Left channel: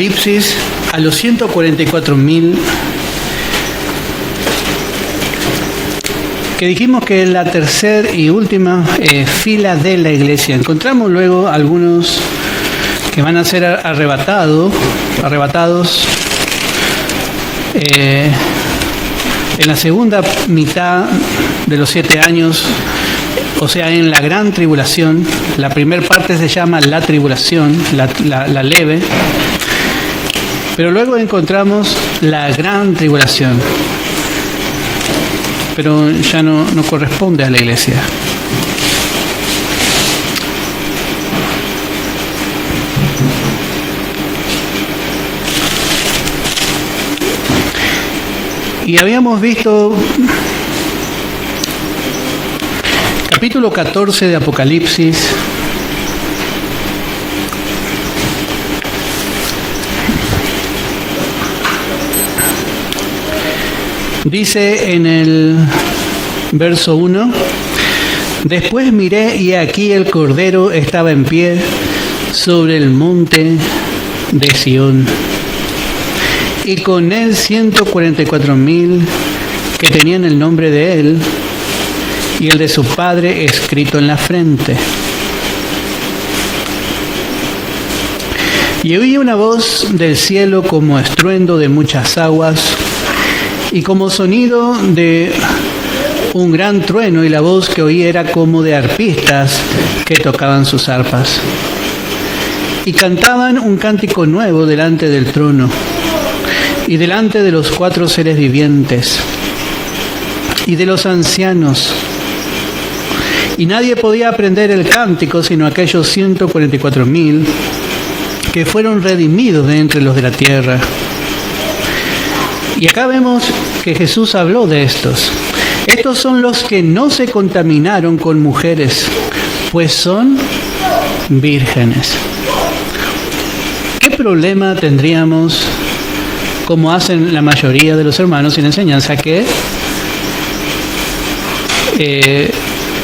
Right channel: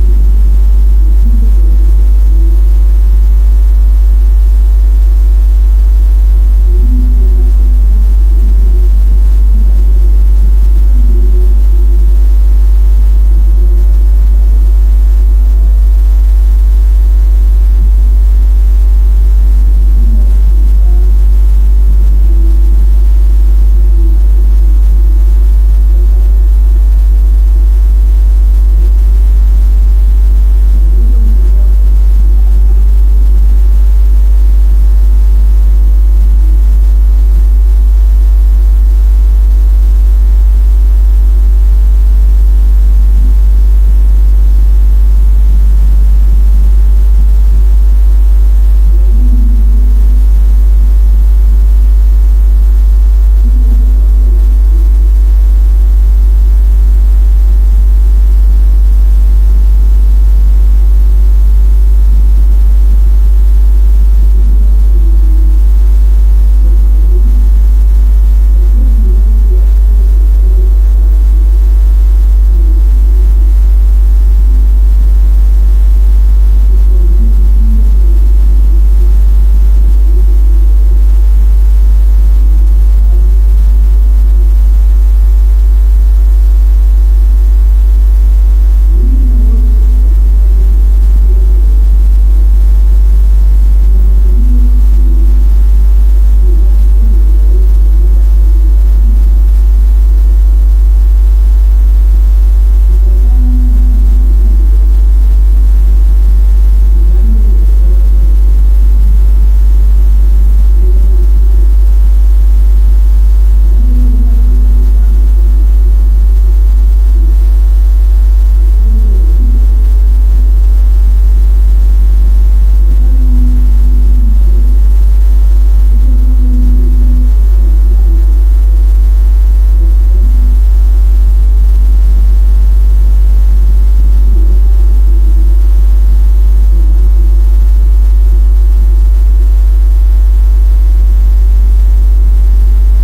Apocalipsis a los 144.000 que dijimos que es la tercera y última fila de la iglesia. Encontramos luego algunos que van a ser arrebatados en la segunda mitad de los 7 años, o sea, en la gran tribulación. La primera parte se llama la tribulación, la leve, pero luego encontramos la gran tribulación, pero ya no corresponde a la iglesia. Y habíamos visto capítulo 14 de Apocalipsis, dice en el verso 1: después miré y aquí el Cordero estaba en pie sobre el monte de Sión, y con él 144.000 que tenían el nombre de él y el de su padre escrito en la frente. Y oí una voz del cielo como estruendo de muchas aguas y como sonido de un gran trueno, y la voz que oí era como de arpistas que tocaban sus arpas y cantaban un cántico nuevo delante del trono y delante de los 4 seres vivientes y de los ancianos. Y nadie podía aprender el cántico sino aquellos 144.000 que fueron redimidos de entre los de la tierra. Y acá vemos que Jesús habló de estos. Estos son los que no se contaminaron con mujeres, pues son vírgenes. ¿Qué problema tendríamos, como hacen la mayoría de los hermanos sin enseñanza, que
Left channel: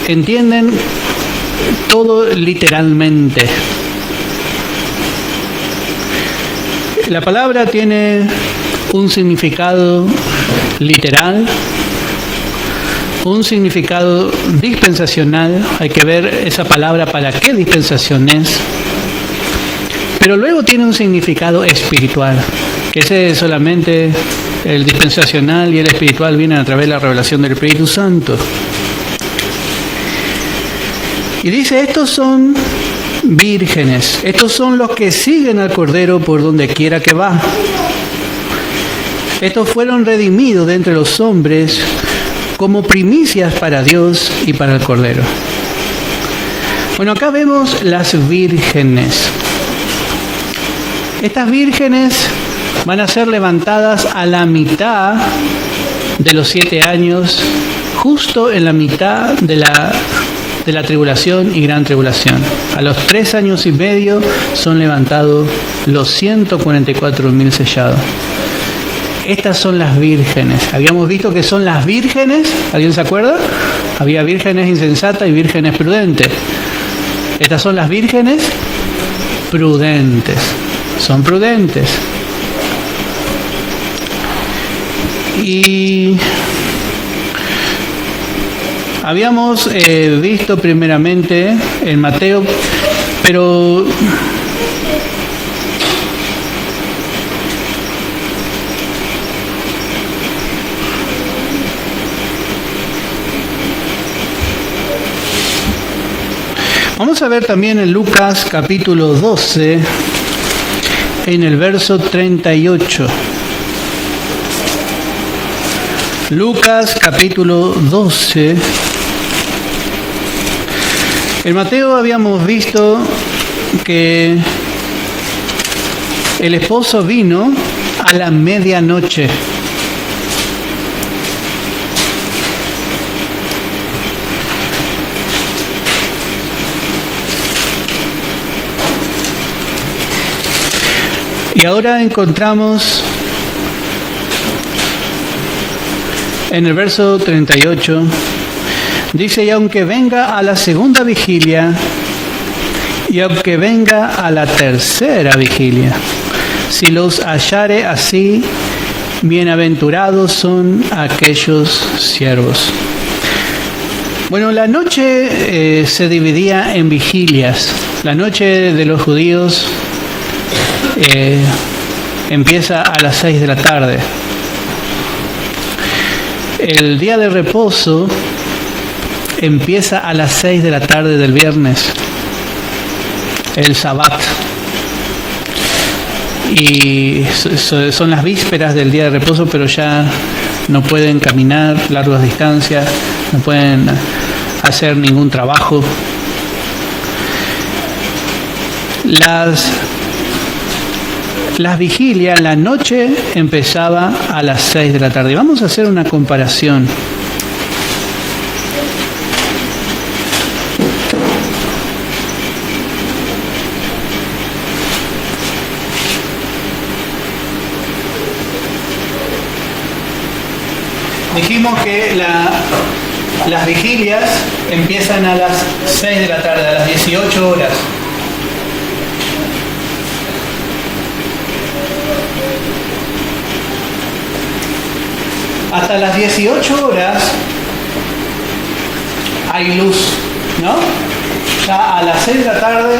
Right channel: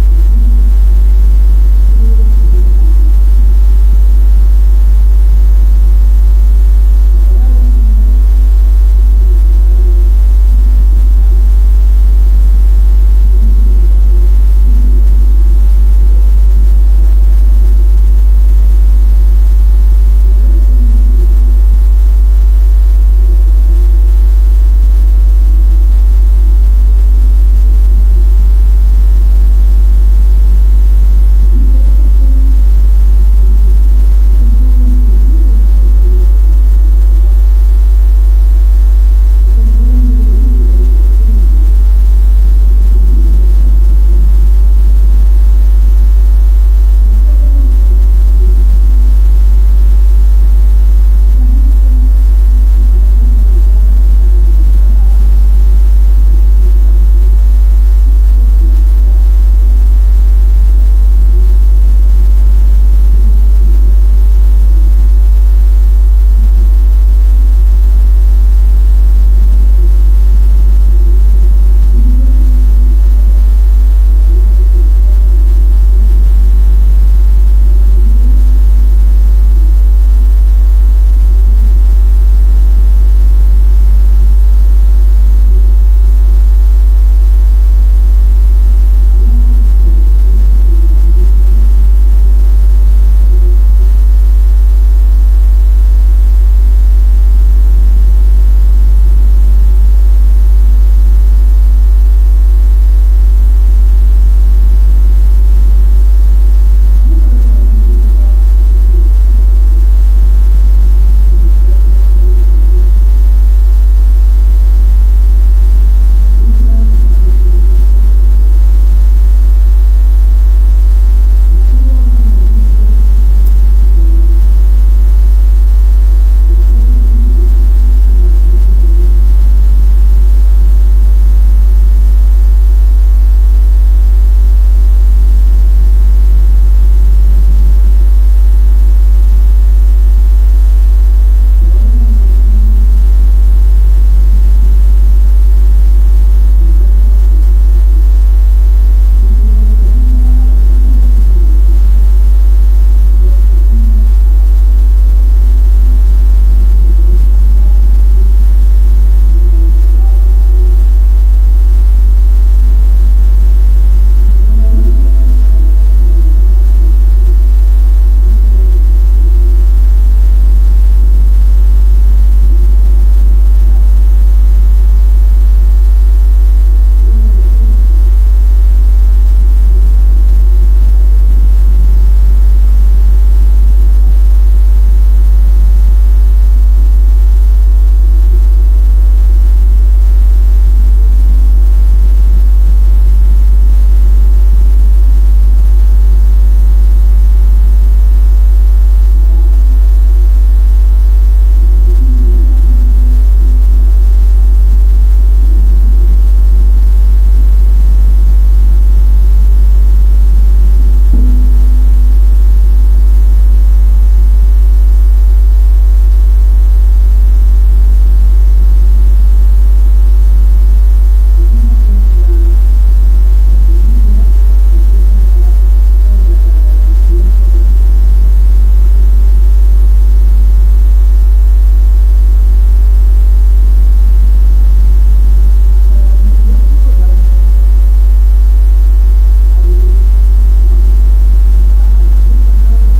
entienden todo literalmente? La palabra tiene un significado literal, un significado dispensacional. Hay que ver esa palabra para qué dispensación es. Pero luego tiene un significado espiritual, que ese es solamente el dispensacional, y el espiritual viene a través de la revelación del Espíritu Santo. Y dice: estos son vírgenes, estos son los que siguen al Cordero por donde quiera que va. Estos fueron redimidos de entre los hombres como primicias para Dios y para el Cordero. Bueno, acá vemos las vírgenes. Estas vírgenes van a ser levantadas a la mitad de los 7 años, justo en la mitad de la tribulación y gran tribulación. A los 3 años y medio son levantados los 144.000 sellados. Estas son las vírgenes. Habíamos visto que son las vírgenes, ¿alguien se acuerda? Había vírgenes insensatas y vírgenes prudentes. Estas son las vírgenes prudentes. Son prudentes. Y habíamos visto primeramente en Mateo, pero vamos a ver también en Lucas capítulo 12, en el verso 38. Lucas capítulo 12. En Mateo habíamos visto que el esposo vino a la medianoche. Y ahora encontramos en el verso 38, dice: y aunque venga a la segunda vigilia, y aunque venga a la tercera vigilia, Si los hallare así, bienaventurados son aquellos siervos. Bueno, la noche se dividía en vigilias. La noche de los judíos empieza a las 6 de la tarde. El día de reposo empieza a las 6 de la tarde del viernes, el Sabbat. Y son las vísperas del día de reposo, pero ya no pueden caminar largas distancias, no pueden hacer ningún trabajo. Las vigilias, la noche empezaba a las 6 de la tarde. Vamos a hacer una comparación. Dijimos que las vigilias empiezan a las 6 de la tarde, a las 18 horas. Hasta las 18 horas hay luz, ¿no? Ya a las 6 de la tarde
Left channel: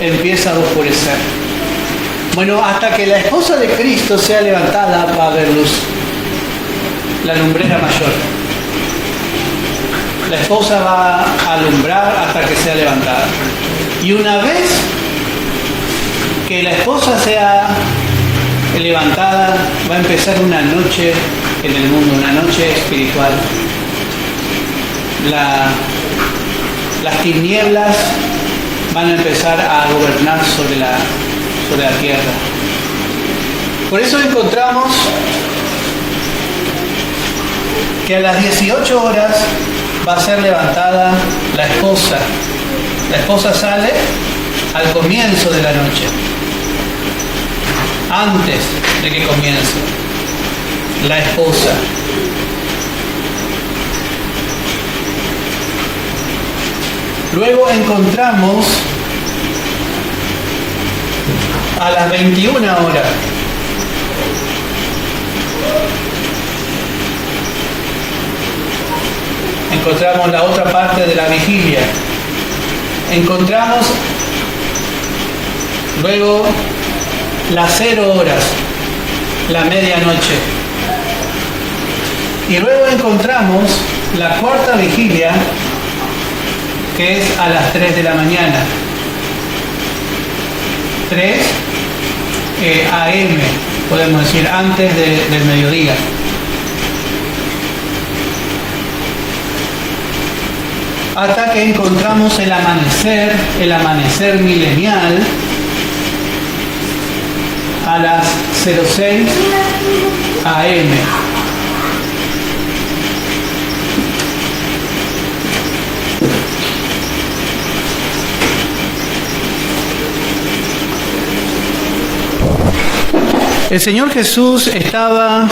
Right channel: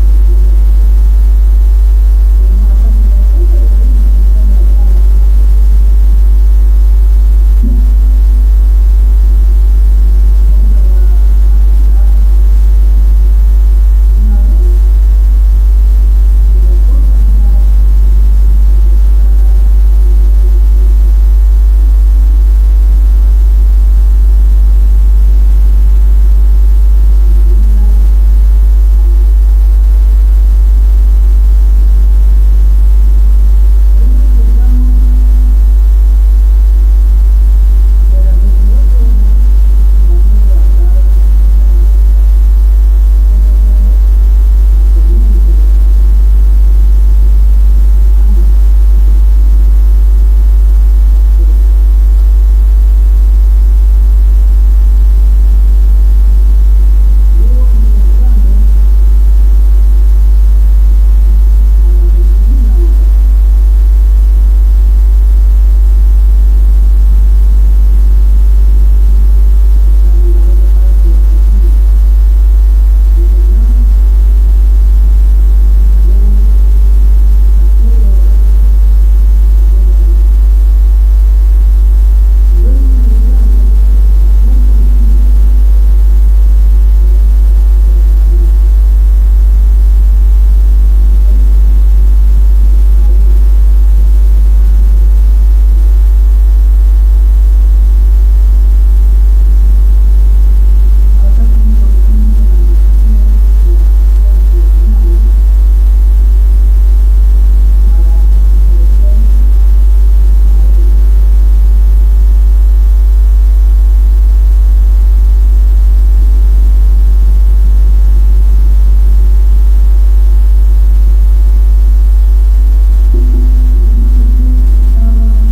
empieza a oscurecer. Bueno, hasta que la esposa de Cristo sea levantada va a haber luz. La lumbrera mayor. La esposa va a alumbrar hasta que sea levantada. Y una vez que la esposa sea levantada, va a empezar una noche en el mundo, una noche espiritual. Las tinieblas van a empezar a gobernar sobre la tierra. Por eso encontramos que a las 18 horas va a ser levantada la esposa. La esposa sale al comienzo de la noche, antes de que comience la esposa. Luego encontramos a las 21 horas encontramos la otra parte de la vigilia. Encontramos luego las 0 horas, la medianoche. Y luego encontramos la cuarta vigilia, que es a las 3 de la mañana. 3 AM, podemos decir, antes del mediodía. Hasta que encontramos el amanecer milenial, a las 06 AM. El Señor Jesús estaba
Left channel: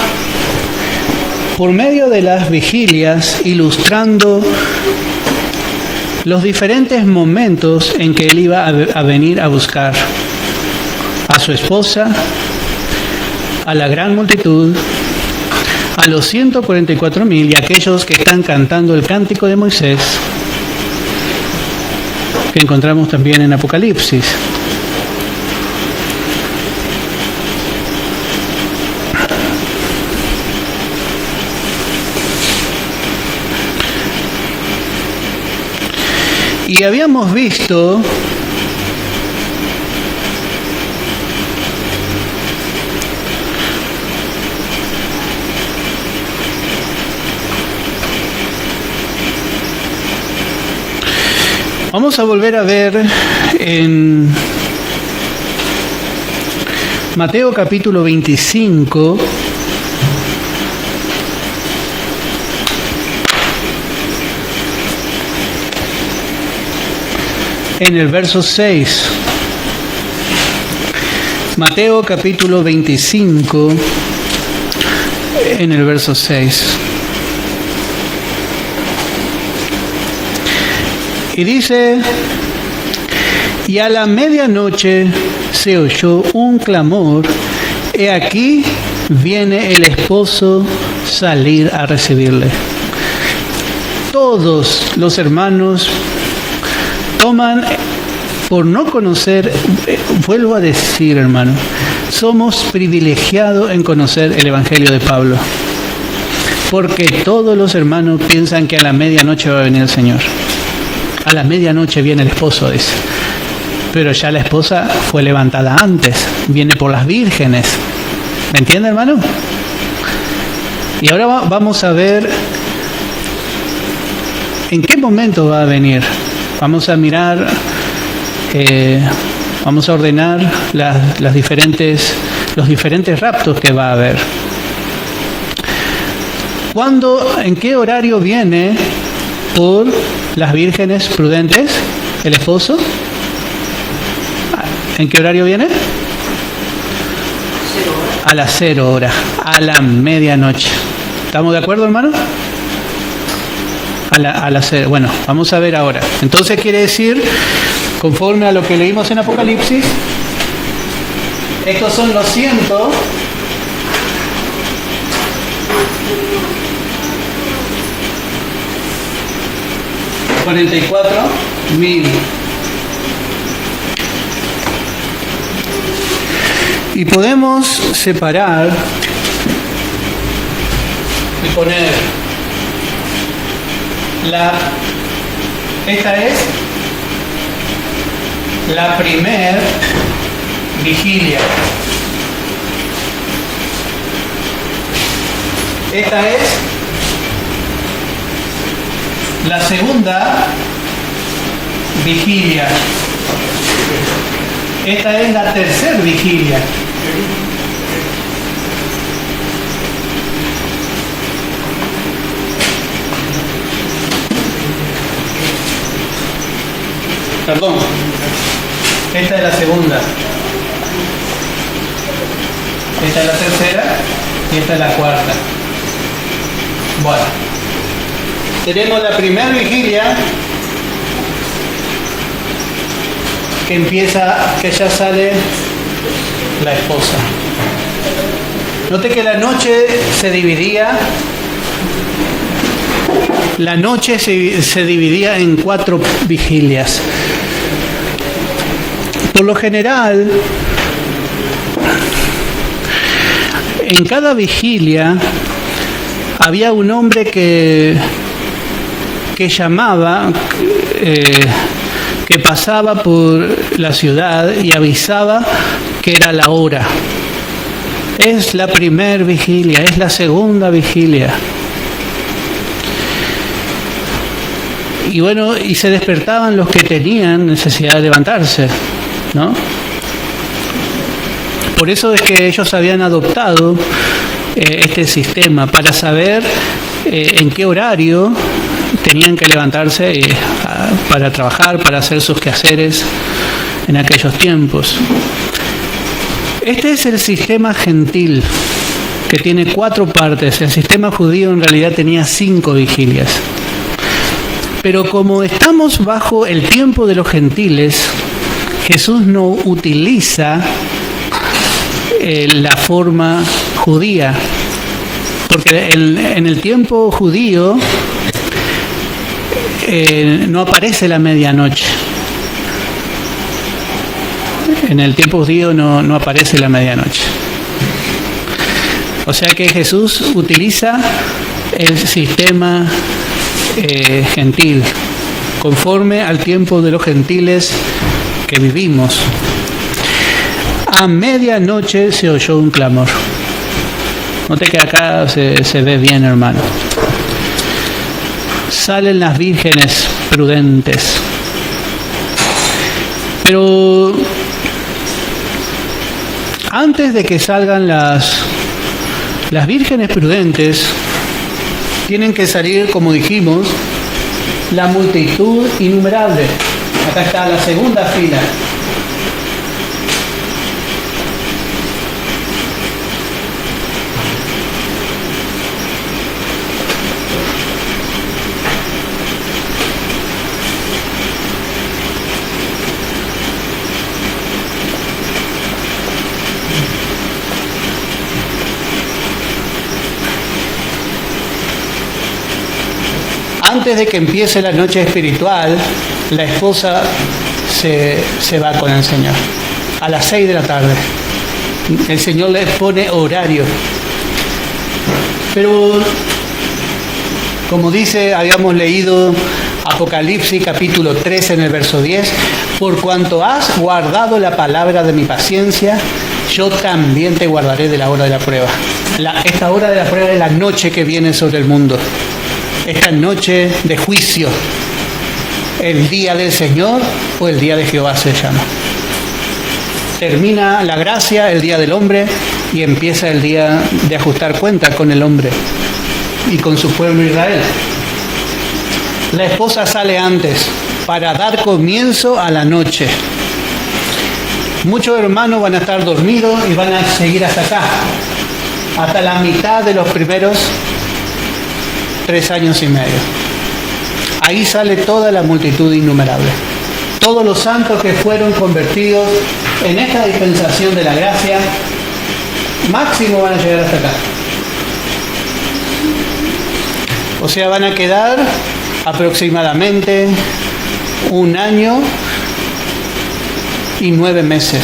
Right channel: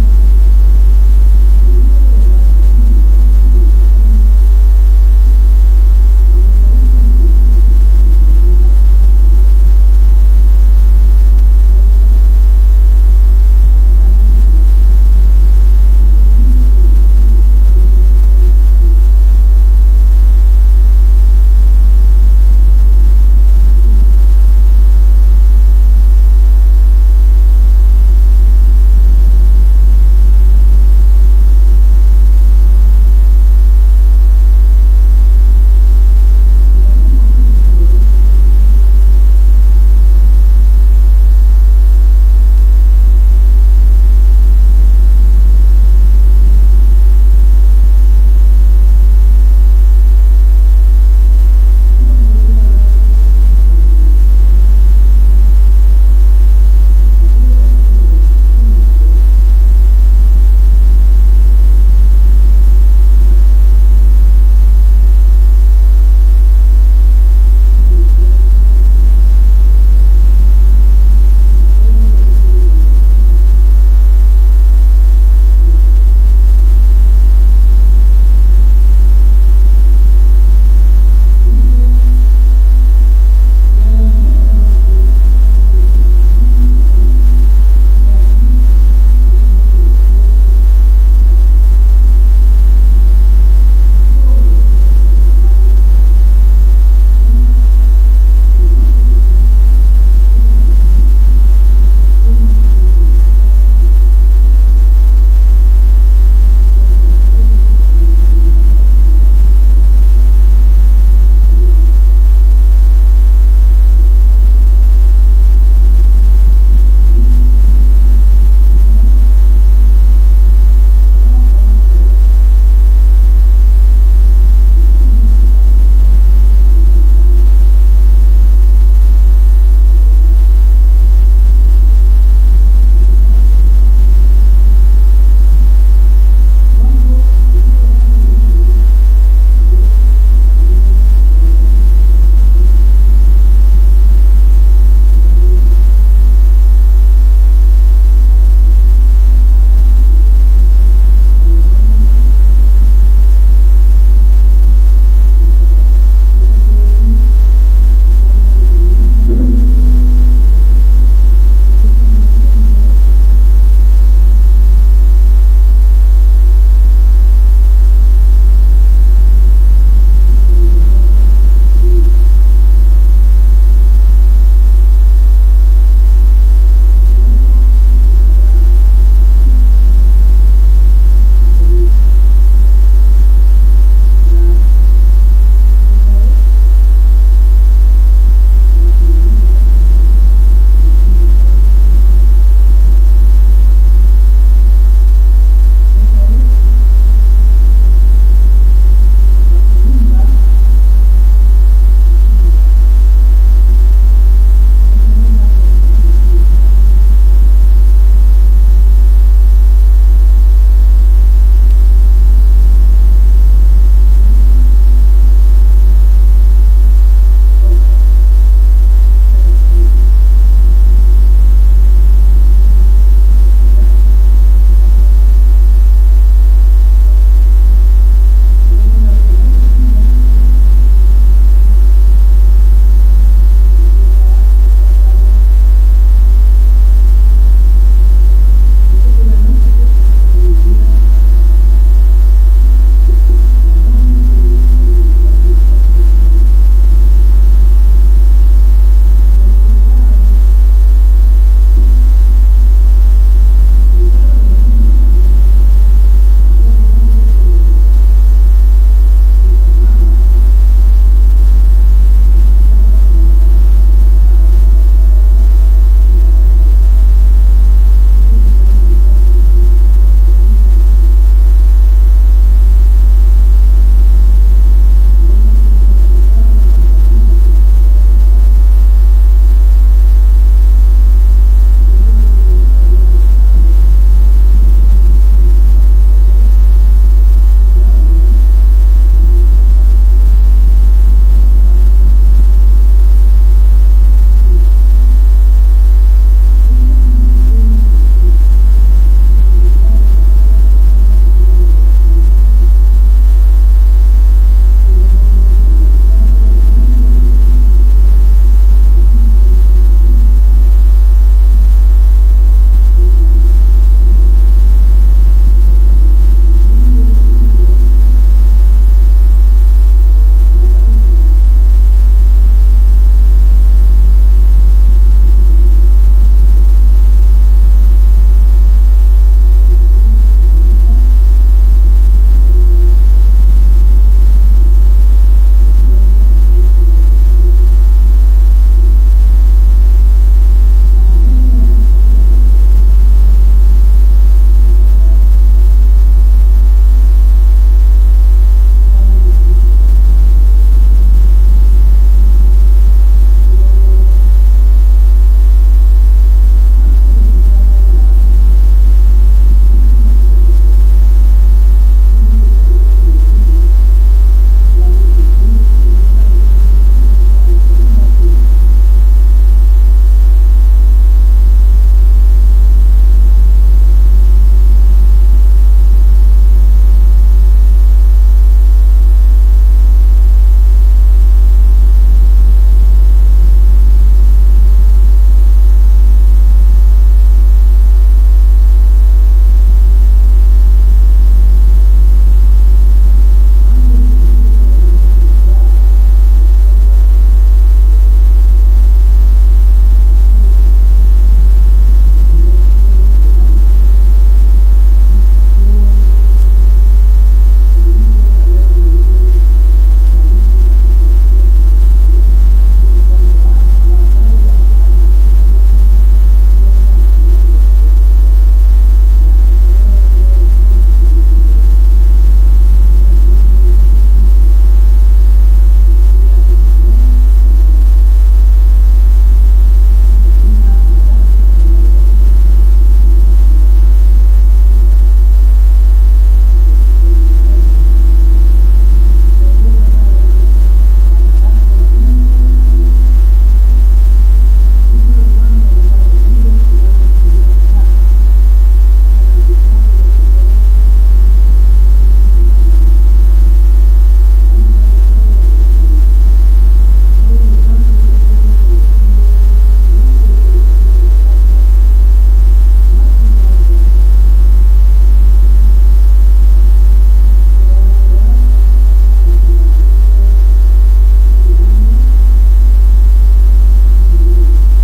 por medio de las vigilias ilustrando los diferentes momentos en que Él iba a venir a buscar a su esposa, a la gran multitud, a los 144,000 y a aquellos que están cantando el cántico de Moisés, que encontramos también en Apocalipsis. Y habíamos visto vamos a volver a ver en Mateo capítulo 25, en el verso 6. Mateo capítulo 25, en el verso 6. Y dice: Y a la medianoche se oyó un clamor, he aquí viene el esposo salir a recibirle. Todos los hermanos toman, por no conocer, vuelvo a decir, hermano, somos privilegiados en conocer el Evangelio de Pablo, porque todos los hermanos piensan que a la medianoche va a venir el Señor. A la medianoche viene el esposo, dice. Pero ya la esposa fue levantada antes, viene por las vírgenes. ¿Me entiende, hermano? Y ahora vamos a ver en qué momento va a venir. Vamos a mirar, vamos a ordenar los diferentes raptos que va a haber. ¿Cuándo, en qué horario viene por las vírgenes prudentes el esposo? ¿En qué horario viene? A las 0 horas, a la medianoche. ¿Estamos de acuerdo, hermano? A las 0. Bueno, vamos a ver ahora. Entonces quiere decir, conforme a lo que leímos en Apocalipsis, estos son los 144.000. Y podemos separar y poner esta es la primer vigilia. Esta es la segunda vigilia. Esta es la tercera vigilia. Perdón. Esta es la segunda. Esta es la tercera y esta es la cuarta. Bueno. Tenemos la primera vigilia que empieza, que ya sale la esposa. Note que la noche se dividía. La noche se dividía en 4 vigilias. Por lo general, en cada vigilia había un hombre que llamaba, que pasaba por la ciudad y avisaba que era la hora. Es la primera vigilia, es la segunda vigilia. Y bueno, y se despertaban los que tenían necesidad de levantarse, ¿no? Por eso es que ellos habían adoptado este sistema, para saber en qué horario tenían que levantarse para trabajar, para hacer sus quehaceres en aquellos tiempos. Este es el sistema gentil, que tiene 4 partes. El sistema judío en realidad tenía 5 vigilias. Pero como estamos bajo el tiempo de los gentiles, Jesús no utiliza la forma judía, porque en el tiempo judío no aparece la medianoche. En el tiempo judío no aparece la medianoche. O sea que Jesús utiliza el sistema gentil, conforme al tiempo de los gentiles que vivimos. A medianoche se oyó un clamor. Note que acá se ve bien, hermano. Salen las vírgenes prudentes. Pero antes de que salgan las vírgenes prudentes, tienen que salir, como dijimos, la multitud innumerable. Acá está la segunda fila. de que empiece la noche espiritual, la esposa se va con el Señor. A las 6 de la tarde. El Señor le pone horario. Pero, como dice, habíamos leído Apocalipsis capítulo 13 en el verso 10, por cuanto has guardado la palabra de mi paciencia, yo también te guardaré de la hora de la prueba. Esta hora de la prueba es la noche que viene sobre el mundo. Esta noche de juicio. El día del Señor o el día de Jehová se llama. Termina la gracia, el día del hombre, y empieza el día de ajustar cuenta con el hombre y con su pueblo Israel. La esposa sale antes para dar comienzo a la noche. Muchos hermanos van a estar dormidos y van a seguir hasta acá, hasta la mitad de los primeros 3 años y medio. Ahí sale toda la multitud innumerable. Todos los santos que fueron convertidos en esta dispensación de la gracia, máximo van a llegar hasta acá. O sea, van a quedar aproximadamente 1 año y 9 meses,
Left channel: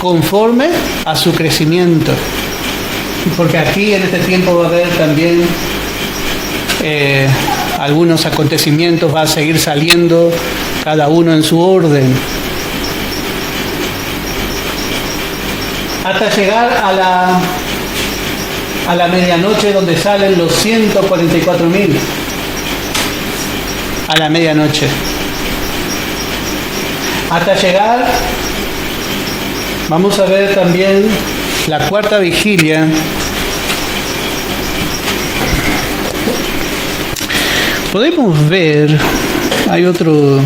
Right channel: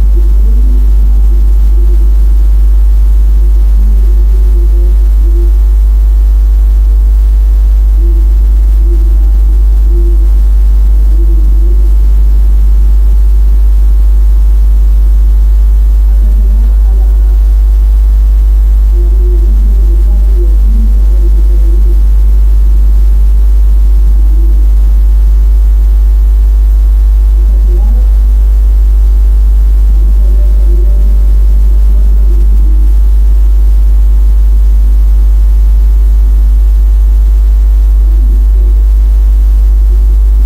conforme a su crecimiento. Porque aquí en este tiempo va a haber también algunos acontecimientos, va a seguir saliendo cada uno en su orden. Hasta llegar a la medianoche, donde salen los 144.000. A la medianoche. Hasta llegar, vamos a ver también la cuarta vigilia. Podemos ver, hay otro...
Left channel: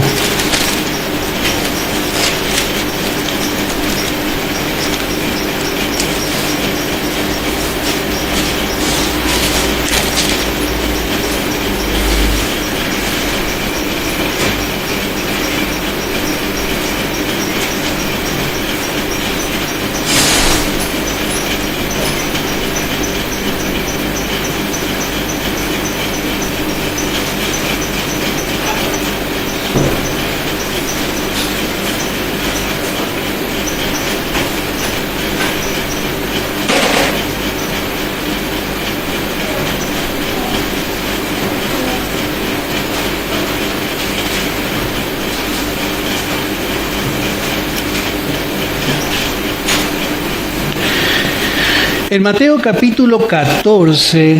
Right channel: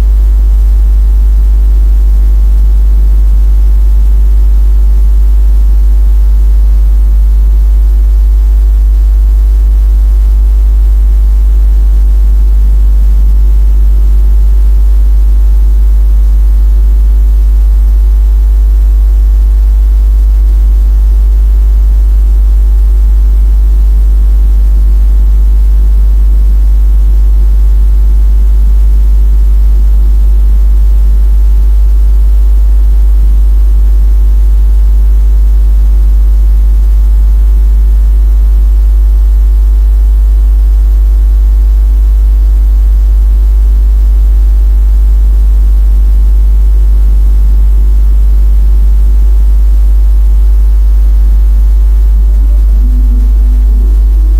En Mateo capítulo 14,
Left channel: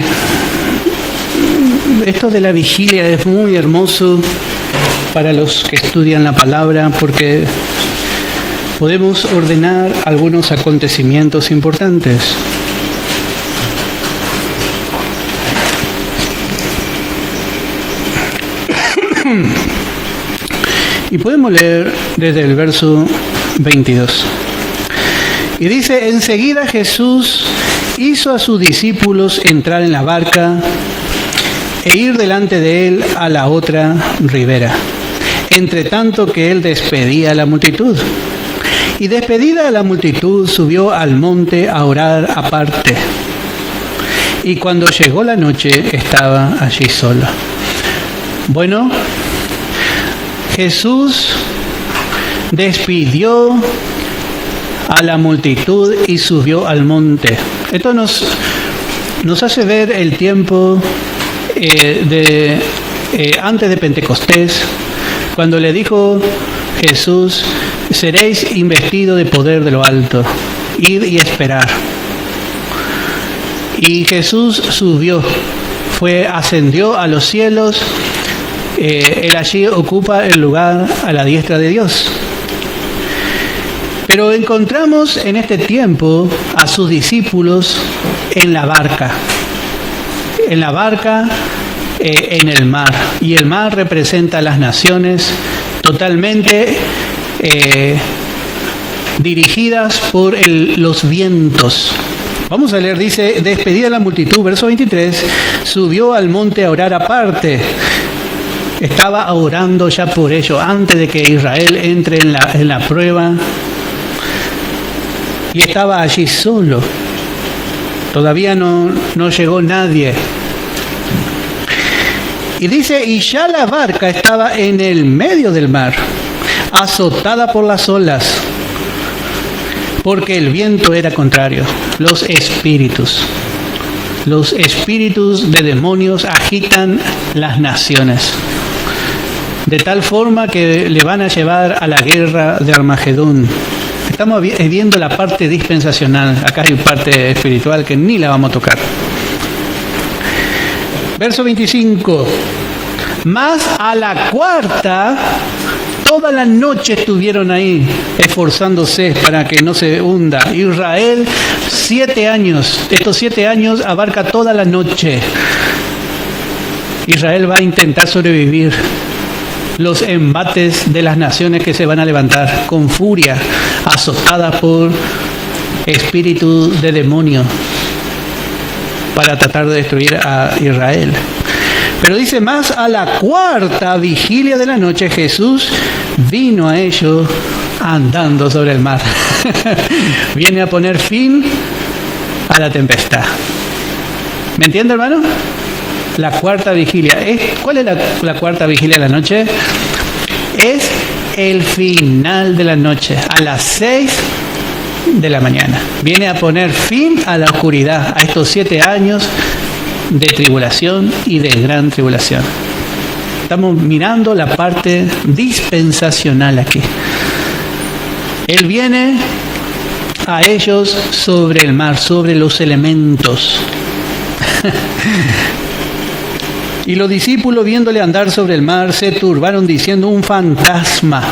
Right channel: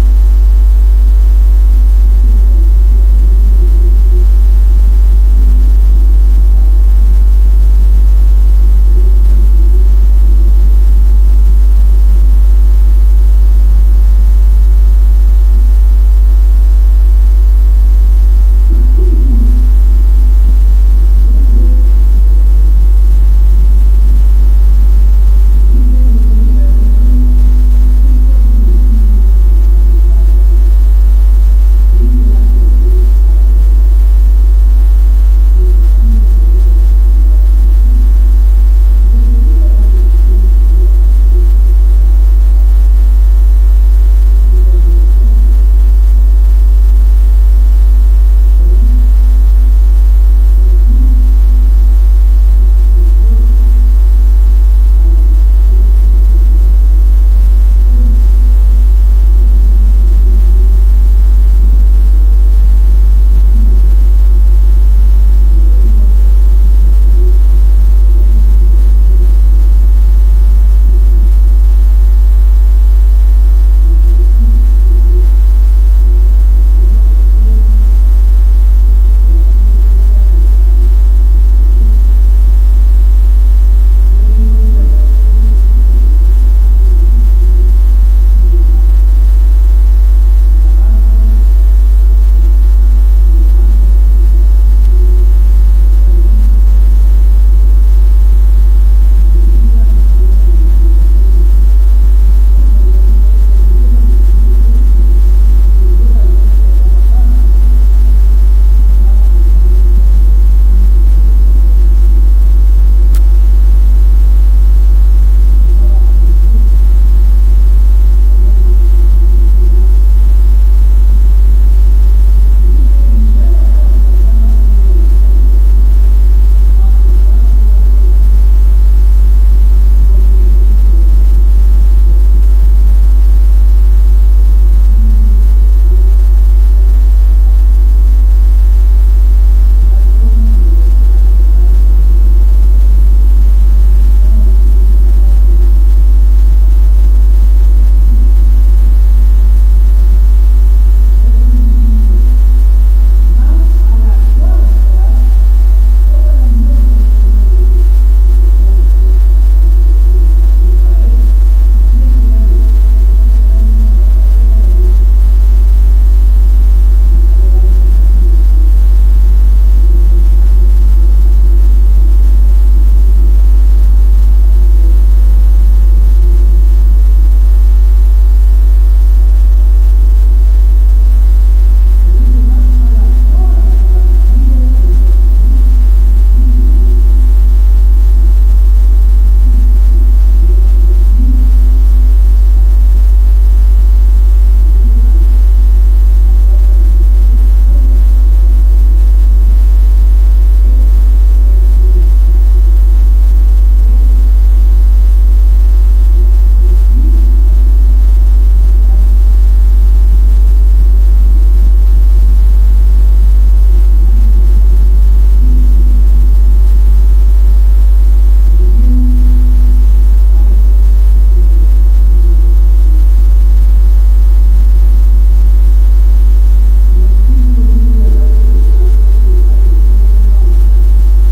esto de la vigilia es muy hermoso para los que estudian la palabra, porque podemos ordenar algunos acontecimientos importantes. Y podemos leer desde el verso 22. Y dice, enseguida Jesús hizo a sus discípulos entrar en la barca e ir delante de él a la otra ribera, entre tanto que él despedía a la multitud. Y despedida a la multitud, subió al monte a orar aparte. Y cuando llegó la noche, estaba allí solo. Bueno, Jesús despidió a la multitud y subió al monte. Esto nos hace ver el tiempo antes de Pentecostés, cuando le dijo Jesús, seréis investidos de poder de lo alto, id y esperar. Y Jesús subió, ascendió a los cielos, él allí ocupa el lugar a la diestra de Dios. Pero encontramos en este tiempo a sus discípulos en la barca, en el mar. Y el mar representa a las naciones totalmente dirigidas por los vientos. Vamos a leer, dice, despedida la multitud, verso 23, subió al monte a orar aparte. Estaba orando ya por ello, antes de que Israel entre en la prueba. Y estaba allí solo. Todavía no llegó nadie. Y dice, y ya la barca estaba en el medio del mar, azotada por las olas, porque el viento era contrario. Los espíritus de demonios agitan las naciones, de tal forma que le van a llevar a la guerra de Armagedón. Estamos viendo la parte dispensacional, acá hay parte espiritual que ni la vamos a tocar. Verso 25. Mas a la cuarta, toda la noche estuvieron ahí, esforzándose para que no se hunda. Israel, 7 años. Estos 7 años abarca toda la noche. Israel va a intentar sobrevivir los embates de las naciones que se van a levantar con furia, azotadas por espíritu de demonio, para tratar de destruir a Israel. Pero dice, más a la cuarta vigilia de la noche, Jesús vino a ellos andando sobre el mar. Viene a poner fin a la tempestad. ¿Me entiende, hermano? La cuarta vigilia. ¿Cuál es la cuarta vigilia de la noche? Es el final de la noche, a las 6 de la mañana. Viene a poner fin a la oscuridad, a estos 7 años de tribulación y de gran tribulación. Estamos mirando la parte dispensacional aquí. Él viene a ellos sobre el mar, sobre los elementos. Y los discípulos, viéndole andar sobre el mar, se turbaron diciendo, un fantasma.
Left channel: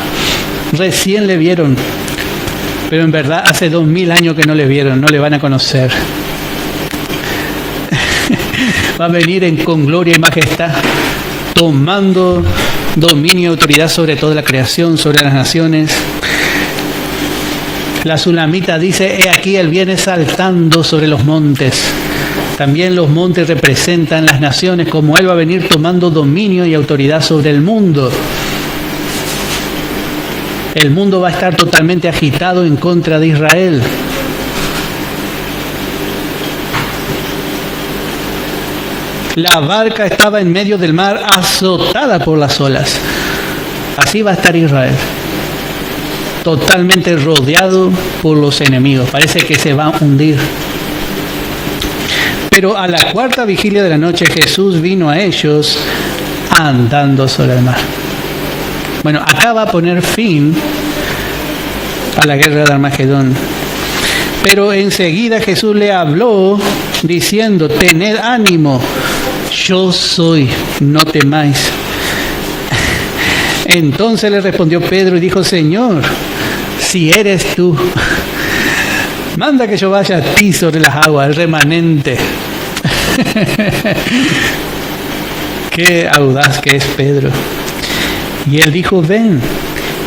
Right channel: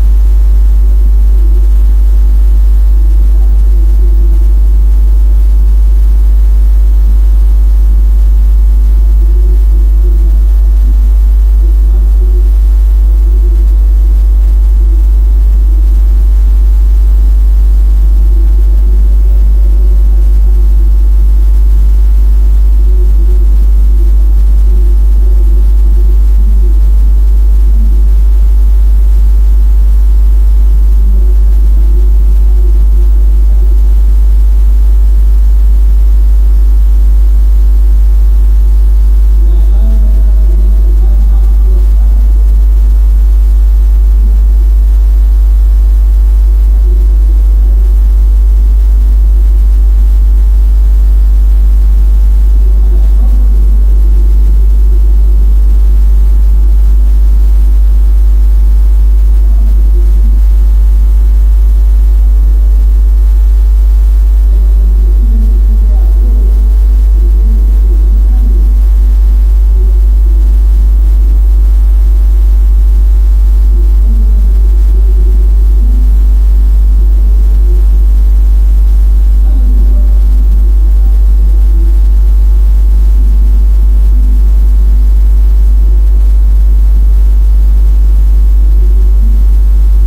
Recién le vieron, pero en verdad hace 2000 años que no le vieron, no le van a conocer. Va a venir con gloria y majestad, tomando dominio y autoridad sobre toda la creación, sobre las naciones. La Sulamita dice, he aquí él viene saltando sobre los montes. También los montes representan las naciones, como él va a venir tomando dominio y autoridad sobre el mundo. El mundo va a estar totalmente agitado en contra de Israel. La barca estaba en medio del mar, azotada por las olas. Así va a estar Israel, totalmente rodeado por los enemigos. Parece que se va a hundir. Pero a la cuarta vigilia de la noche, Jesús vino a ellos andando sobre el mar. Bueno, acá va a poner fin a la guerra de Armagedón. Pero enseguida Jesús le habló diciendo, tened ánimo, yo soy, no temáis. Entonces le respondió Pedro y dijo, Señor, si eres tú, manda que yo vaya a ti sobre las aguas, el remanente. Qué audaz que es Pedro. Y él dijo, ven.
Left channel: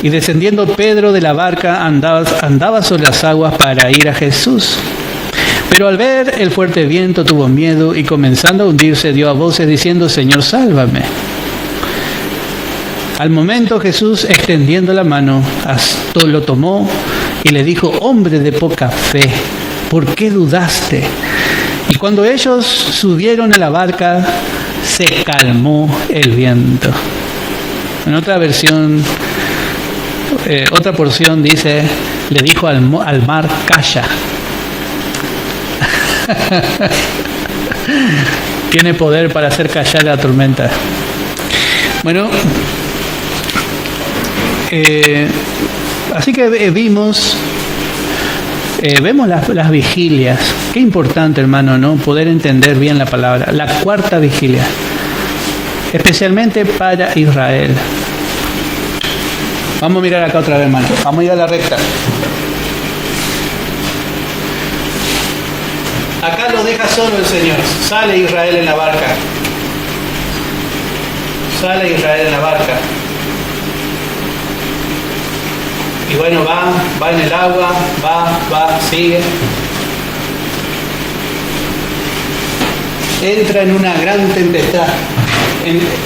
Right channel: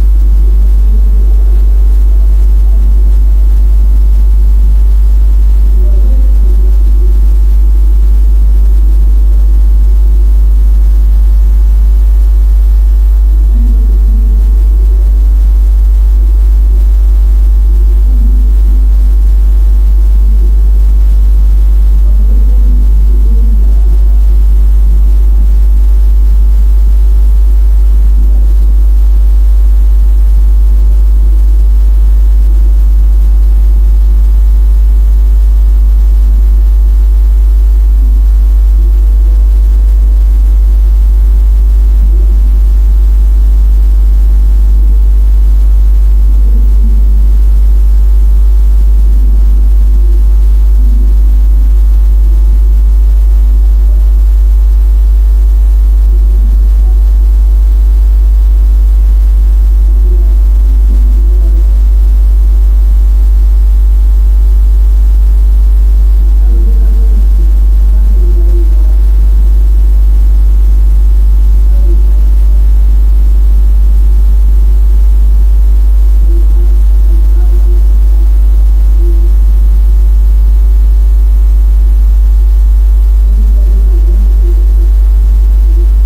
Y descendiendo Pedro de la barca andaba sobre las aguas para ir a Jesús. Pero al ver el fuerte viento tuvo miedo y comenzando a hundirse dio a voces diciendo, Señor, sálvame. Al momento Jesús, extendiendo la mano, lo tomó y le dijo, hombre de poca fe, ¿por qué dudaste? Y cuando ellos subieron a la barca, se calmó el viento. En otra versión, otra porción dice, le dijo al mar, calla. Tiene poder para hacer callar la tormenta. Bueno, así que vemos las vigilias. Qué importante, hermano, ¿no? Poder entender bien la palabra. La cuarta vigilia, especialmente para Israel. Vamos a mirar acá otra vez, hermano. Vamos a ir a la recta. Acá lo deja solo el Señor. Sale Israel en la barca. Sale Israel en la barca. Y bueno, va en el agua, va, sigue. Entra en una gran tempestad,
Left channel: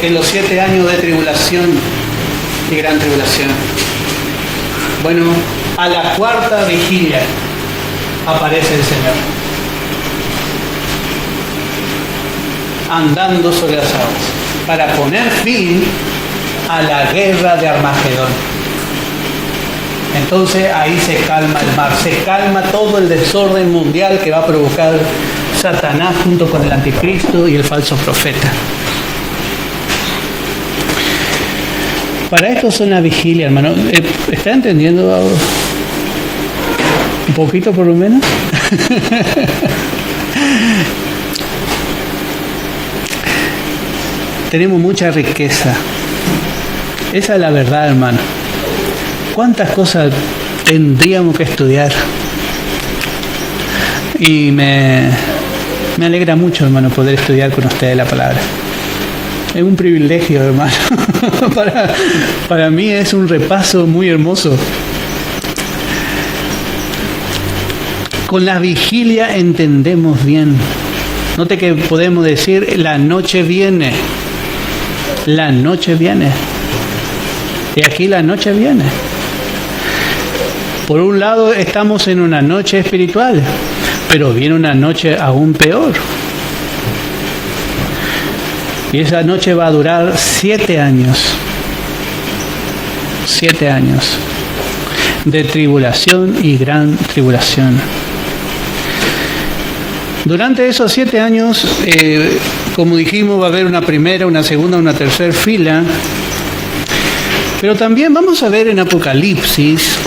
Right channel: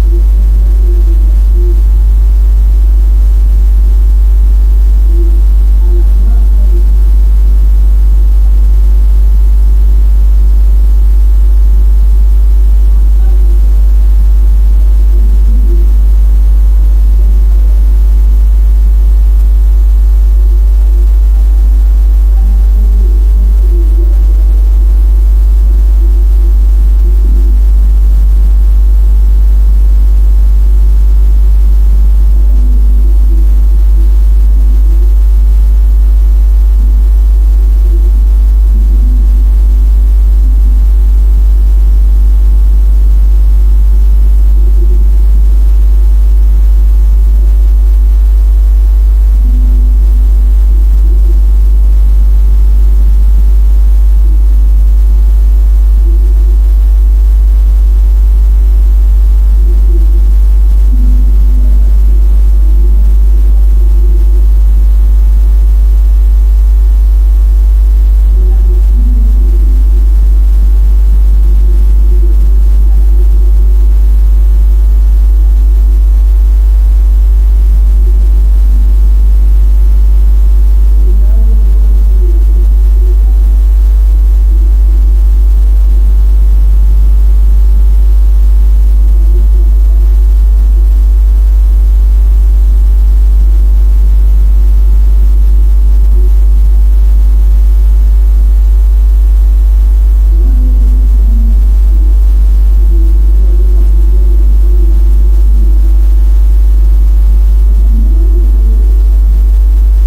en los 7 años de tribulación y gran tribulación. Bueno, a la cuarta vigilia aparece el Señor, andando sobre las aguas, para poner poner fin a la guerra de Armagedón. Entonces ahí se calma el mar, se calma todo el desorden mundial que va a provocar Satanás junto con el anticristo y el falso profeta. Para esto es una vigilia, hermano. ¿Está entendiendo un poquito por lo menos? Tenemos mucha riqueza. Esa es la verdad, hermano. ¿Cuántas cosas tendríamos que estudiar? Y me alegra mucho, hermano, poder estudiar con ustedes la palabra. Es un privilegio, hermano. Para mí es un repaso muy hermoso. Con la vigilia entendemos bien. Note que podemos decir, la noche viene. La noche viene. Y aquí la noche viene. Por un lado estamos en una noche espiritual, pero viene una noche aún peor. Y esa noche va a durar 7 años. 7 años de tribulación y gran tribulación. Durante esos 7 años, como dijimos, va a haber una primera, una segunda, una tercera fila. Pero también vamos a ver en Apocalipsis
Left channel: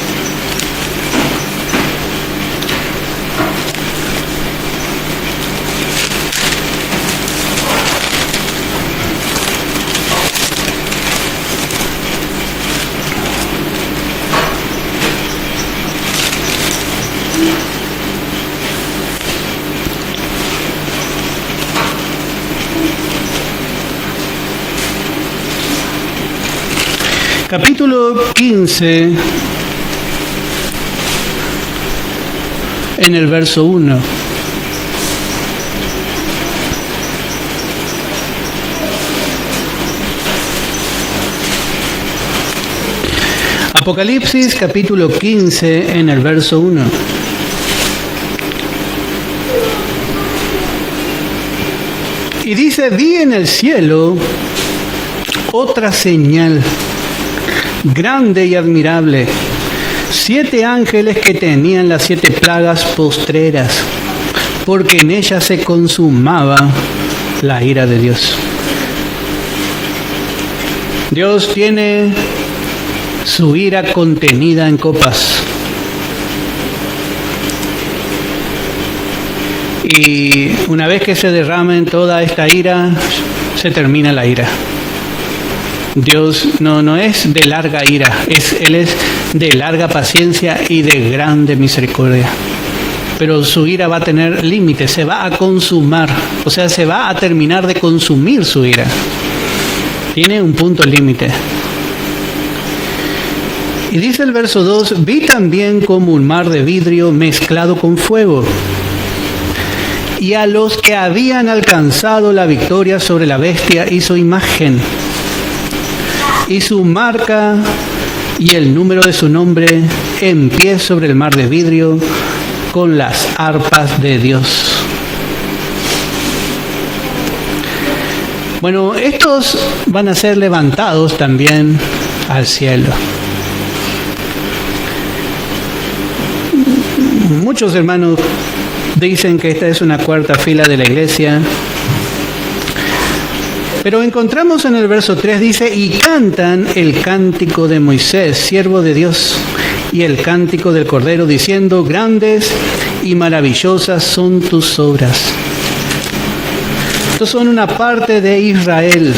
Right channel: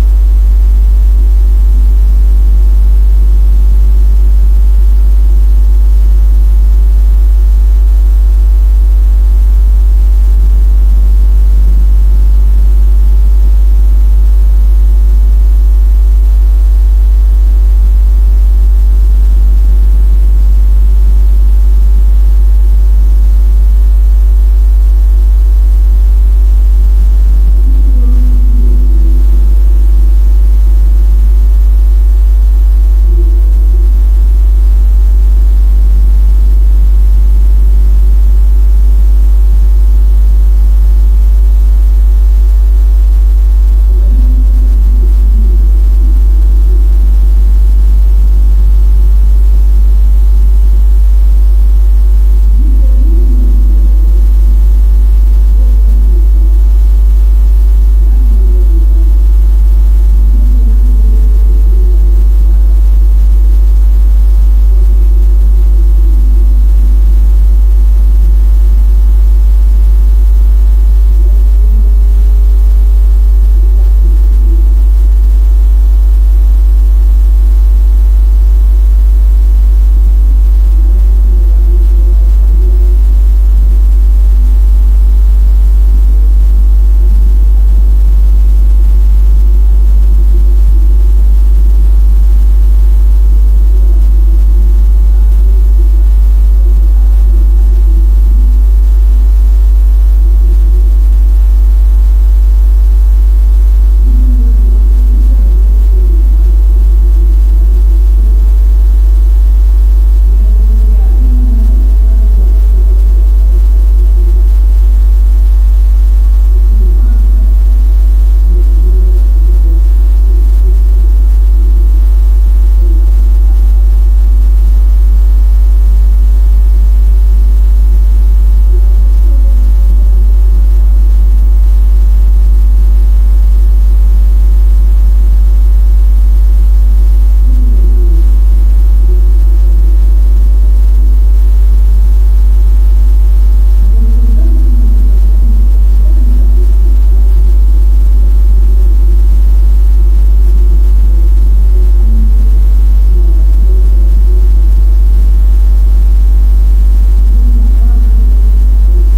capítulo 15, en el verso 1. Apocalipsis capítulo 15 en el verso 1. Y dice, vi en el cielo otra señal grande y admirable, 7 ángeles que tenían las 7 plagas postreras, porque en ellas se consumaba la ira de Dios. Dios tiene su ira contenida en copas. Y una vez que se derramen toda esta ira, se termina la ira. Dios no es de larga ira, Él es de larga paciencia y de grande misericordia. Pero su ira va a tener límites, se va a consumar, o sea, se va a terminar de consumir su ira. Tiene un punto límite. Y dice el verso 2, vi también como un mar de vidrio mezclado con fuego, y a los que habían alcanzado la victoria sobre la bestia y su imagen, y su marca y el número de su nombre, en pie sobre el mar de vidrio, con las arpas de Dios. Bueno, estos van a ser levantados también al cielo. Muchos hermanos dicen que esta es una cuarta fila de la iglesia. Pero encontramos en el verso 3, dice, y cantan el cántico de Moisés, siervo de Dios, y el cántico del Cordero, diciendo, grandes y maravillosas son tus obras. Estos son una parte de Israel.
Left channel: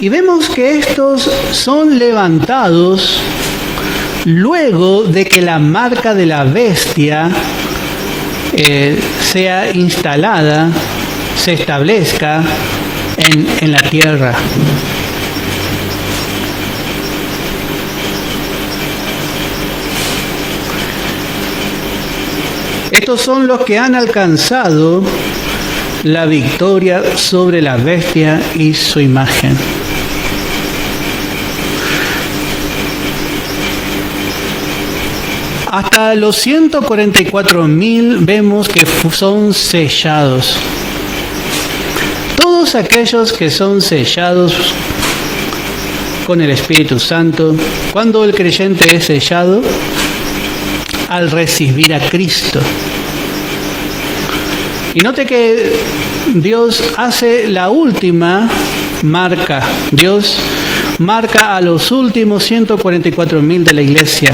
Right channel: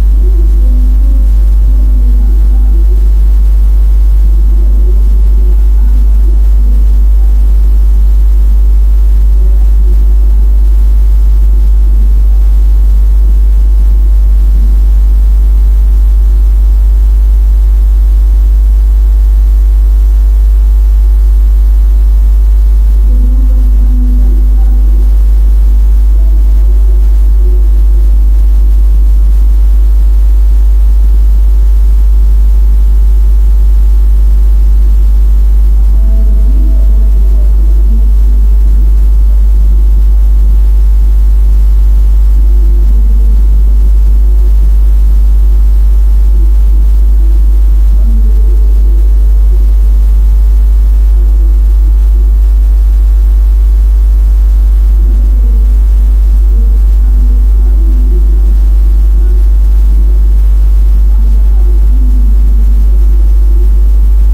Y vemos que estos son levantados luego de que la marca de la bestia sea instalada, se establezca en la tierra. Estos son los que han alcanzado la victoria sobre la bestia y su imagen. Hasta los 144.000 vemos que son sellados. todos aquellos que son sellados con el Espíritu Santo. ¿Cuándo el creyente es sellado? Al recibir a Cristo. Y note que Dios hace la última marca. Dios marca a los últimos 144.000 de la iglesia.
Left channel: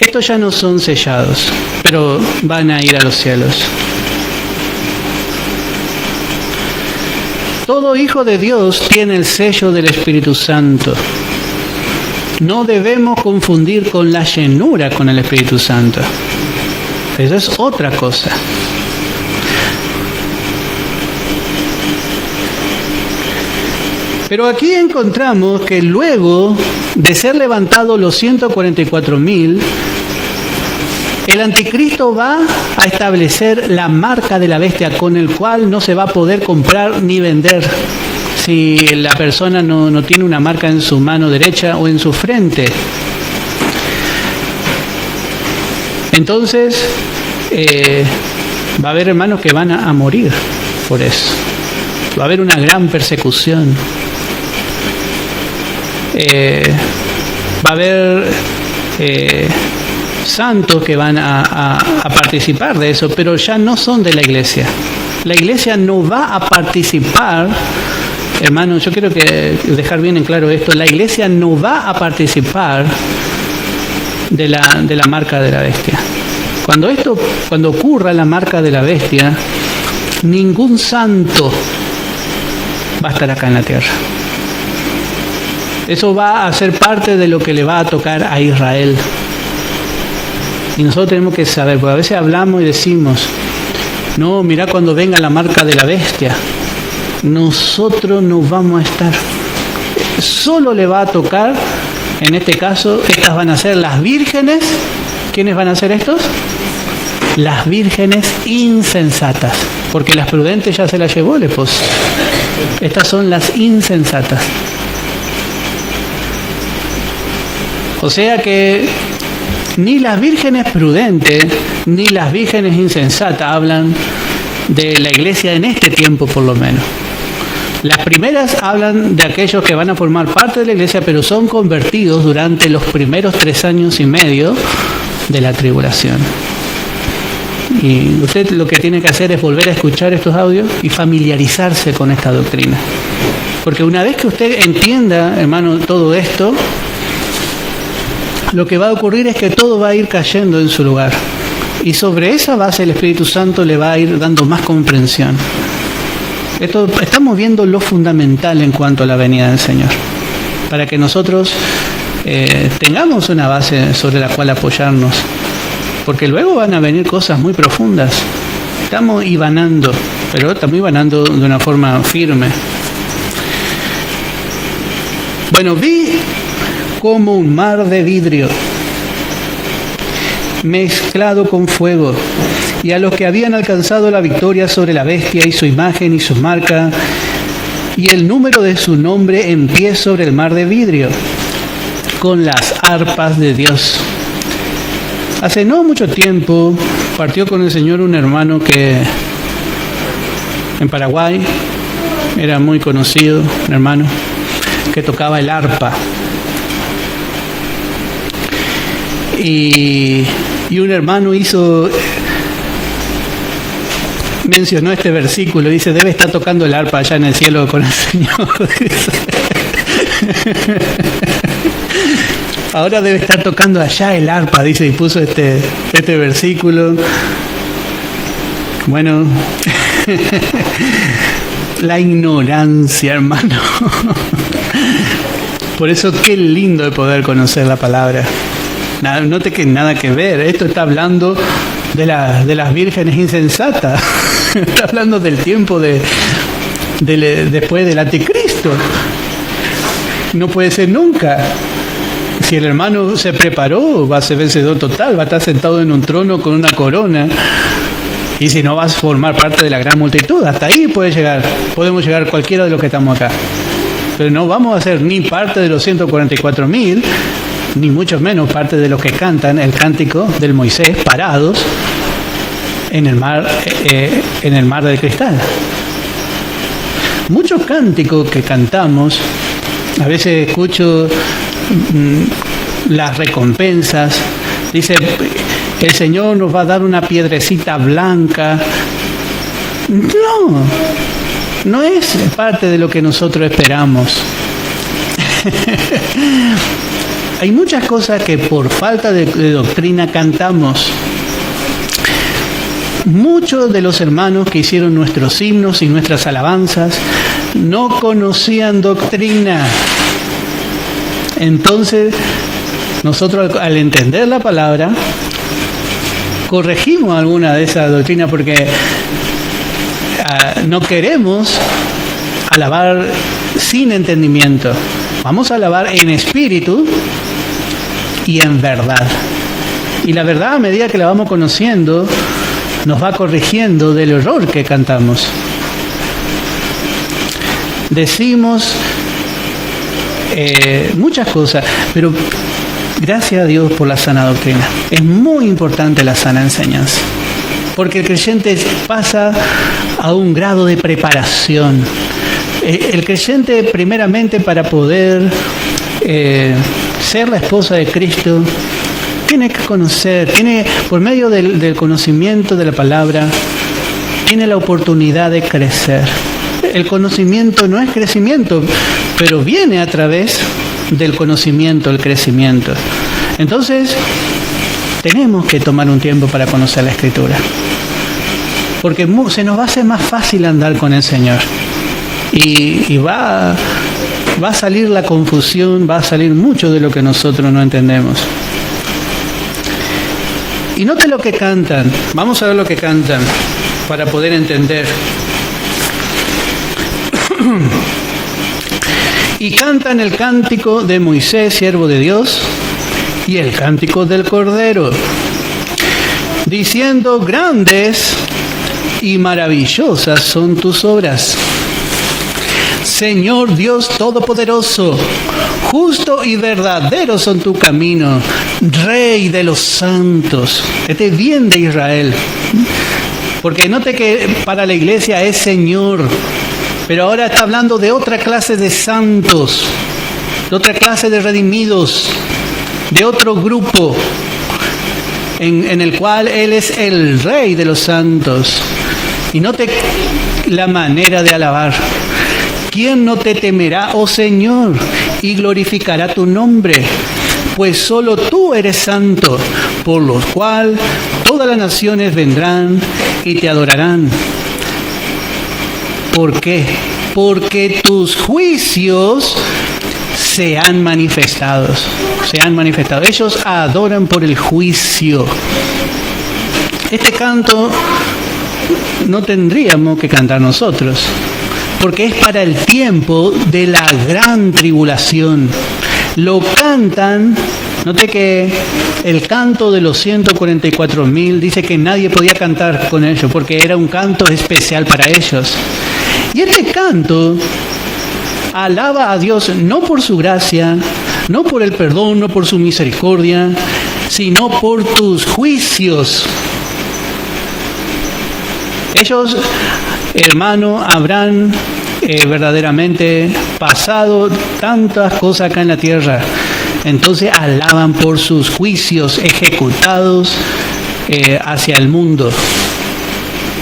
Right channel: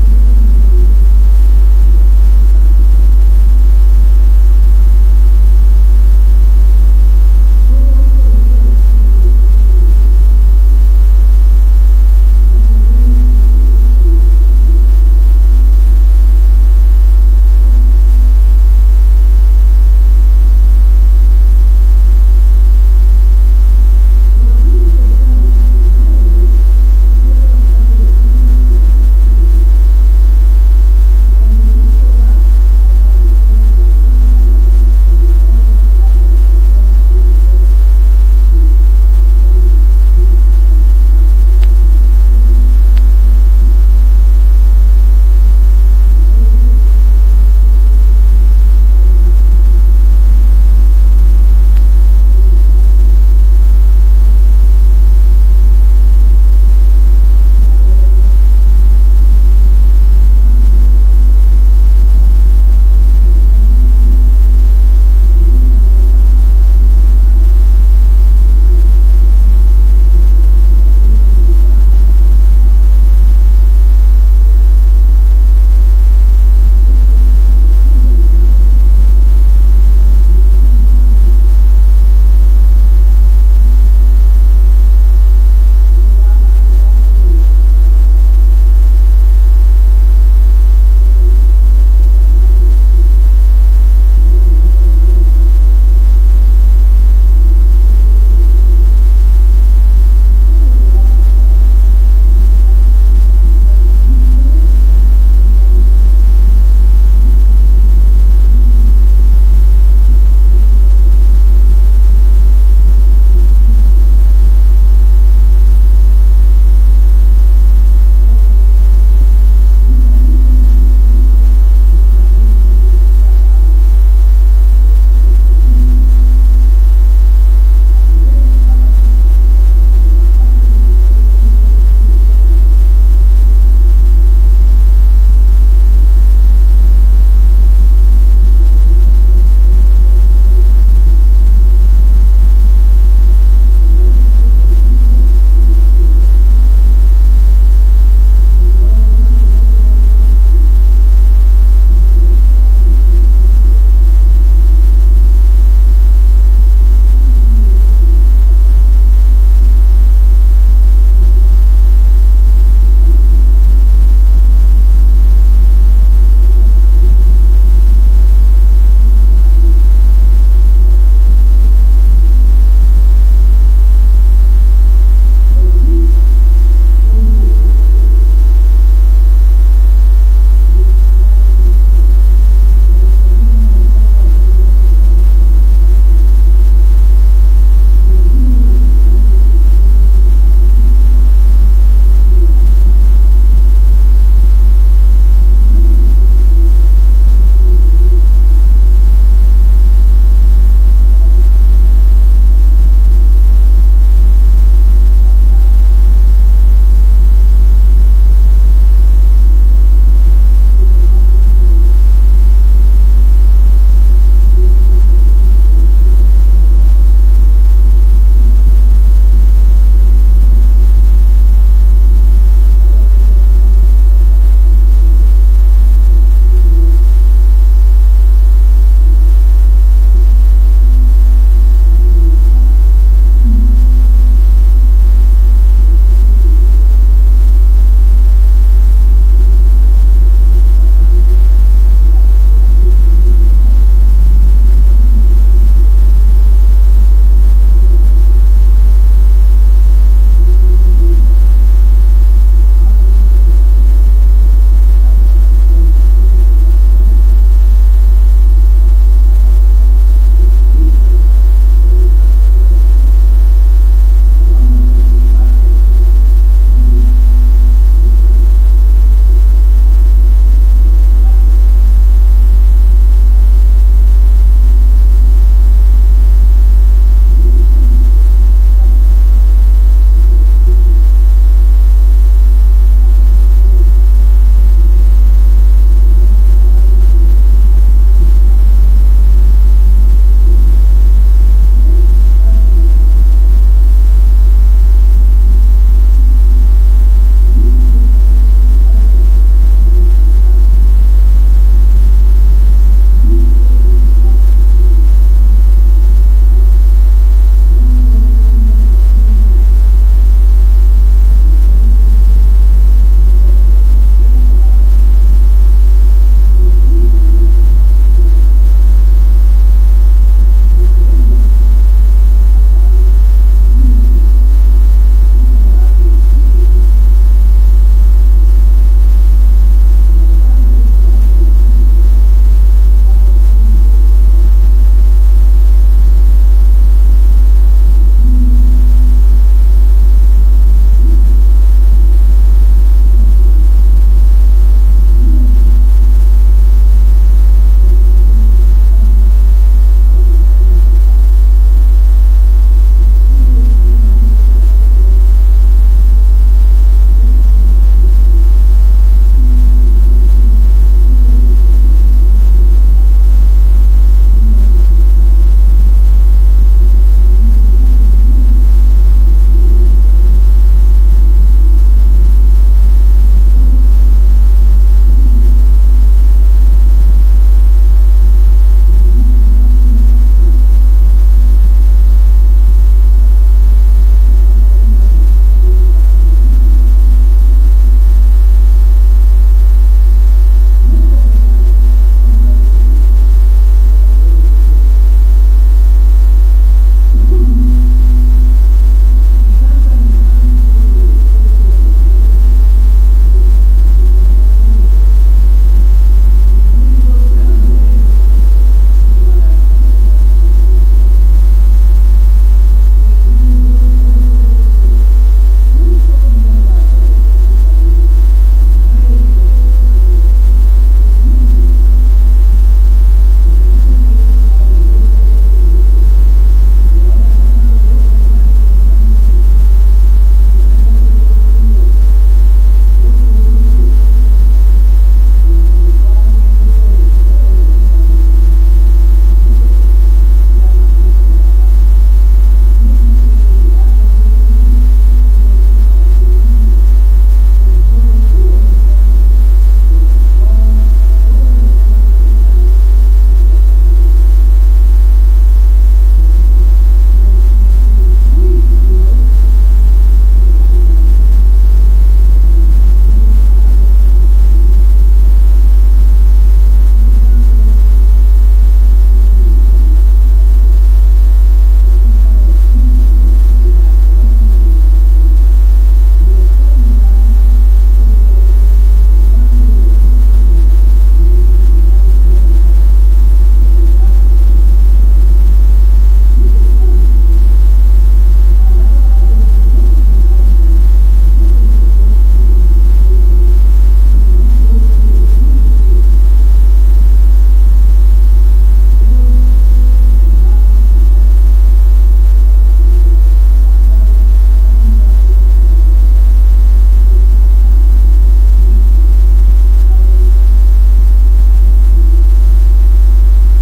Estos ya no son sellados, pero van a ir a los cielos. Todo hijo de Dios tiene el sello del Espíritu Santo. No debemos confundir con la llenura con el Espíritu Santo. Eso es otra cosa. Pero aquí encontramos que luego de ser levantados los 144.000, el anticristo va a establecer la marca de la bestia con el cual no se va a poder comprar ni vender si la persona no tiene una marca en su mano derecha o en su frente. Entonces va a haber hermanos que van a morir por eso. Va a haber una gran persecución. Va a haber santos que van a participar de eso, pero ya no son de la iglesia. La iglesia no va a participar, hermanos, yo quiero dejar bien en claro esto, la iglesia no va a participar de la marca de la bestia. Cuando ocurra la marca de la bestia, ningún santo va a estar acá en la tierra. Eso va a ser parte de lo que le va a tocar a Israel. Y nosotros tenemos que saber, porque a veces hablamos y decimos, no, mira cuando venga la marca de la bestia, nosotros no vamos a estar. Solo le va a tocar, en este caso, estas van a ser las vírgenes. ¿Quiénes van a ser estos? Las vírgenes insensatas, porque las prudentes ya se las llevó el esposo. Estas son las insensatas. O sea que ni las vírgenes prudentes ni las vírgenes insensatas hablan de la iglesia en este tiempo, por lo menos. Las primeras hablan de aquellos que van a formar parte de la iglesia, pero son convertidos durante los primeros 3 años y medio de la tribulación. Y usted lo que tiene que hacer es volver a escuchar estos audios y familiarizarse con esta doctrina. Porque una vez que usted entienda, hermano, todo esto, lo que va a ocurrir es que todo va a ir cayendo en su lugar. Y sobre esa base el Espíritu Santo le va a ir dando más comprensión. Estamos viendo lo fundamental en cuanto a la venida del Señor. Para que nosotros tengamos una base sobre la cual apoyarnos. Porque luego van a venir cosas muy profundas. Estamos hibanando, pero estamos hibanando de una forma firme. Bueno, vi como un mar de vidrio mezclado con fuego, y a los que habían alcanzado la victoria sobre la bestia y su imagen y su marca y el número de su nombre en pie sobre el mar de vidrio, con las arpas de Dios. Hace no mucho tiempo partió con el Señor un hermano que en Paraguay era muy conocido, un hermano que tocaba el arpa. Y un hermano mencionó este versículo, dice, debe estar tocando el arpa allá en el cielo con el Señor. Ahora debe estar tocando allá el arpa, dice, y puso este versículo. Bueno, la ignorancia, hermano. Por eso qué lindo de poder conocer la palabra. Note que nada que ver. Esto está hablando de las vírgenes insensatas. Está hablando del tiempo después del anticristo. No puede ser nunca. Si el hermano se preparó, va a ser vencedor total, va a estar sentado en un trono con una corona. Y si no, vas a formar parte de la gran multitud. Hasta ahí podemos llegar cualquiera de los que estamos acá. Pero no vamos a ser ni parte de los 144.000, ni mucho menos parte de los que cantan el cántico del Moisés parados en el mar de cristal. Muchos cánticos que cantamos, a veces escucho las recompensas, dice, el Señor nos va a dar una piedrecita blanca. No es parte de lo que nosotros esperamos. Hay muchas cosas que por falta de doctrina cantamos. Muchos de los hermanos que hicieron nuestros himnos y nuestras alabanzas no conocían doctrina. Entonces, nosotros al entender la palabra, corregimos alguna de esas doctrinas porque no queremos alabar sin entendimiento. Vamos a alabar en espíritu y en verdad. Y la verdad, a medida que la vamos conociendo, nos va corrigiendo del error que cantamos. Decimos muchas cosas, pero gracias a Dios por la sana doctrina. Es muy importante la sana enseñanza, porque el creyente pasa a un grado de preparación. El creyente, primeramente, para poder ser la esposa de Cristo, tiene que conocer, por medio del conocimiento de la palabra, tiene la oportunidad de crecer. El conocimiento no es crecimiento, pero viene a través del conocimiento, el crecimiento. Entonces, tenemos que tomar un tiempo para conocer la Escritura, porque se nos va a hacer más fácil andar con el Señor. Y va a salir la confusión, va a salir mucho de lo que nosotros no entendemos. Y note lo que cantan. Vamos a ver lo que cantan para poder entender. Y cantan el cántico de Moisés, siervo de Dios, y el cántico del Cordero, diciendo: grandes y maravillosas son tus obras, Señor Dios Todopoderoso. Justo y verdadero son tu camino, Rey de los santos. Este bien de Israel. Porque note que para la iglesia es Señor, pero ahora está hablando de otra clase de santos, de otra clase de redimidos, de otro grupo en el cual Él es el Rey de los santos. Y note la manera de alabar. ¿Quién no te temerá, oh Señor, y glorificará tu nombre? Pues solo tú eres santo, por lo cual todas las naciones vendrán y te adorarán. ¿Por qué? Porque tus juicios se han manifestado. Ellos adoran por el juicio. Este canto no tendríamos que cantar nosotros, porque es para el tiempo de la gran tribulación. Lo cantan, note que el canto de los 144.000 dice que nadie podía cantar con ellos, porque era un canto especial para ellos. Y este canto alaba a Dios no por su gracia, no por el perdón, no por su misericordia, sino por tus juicios. Ellos, hermano, habrán verdaderamente pasado tantas cosas acá en la tierra. Entonces alaban por sus juicios ejecutados hacia el mundo,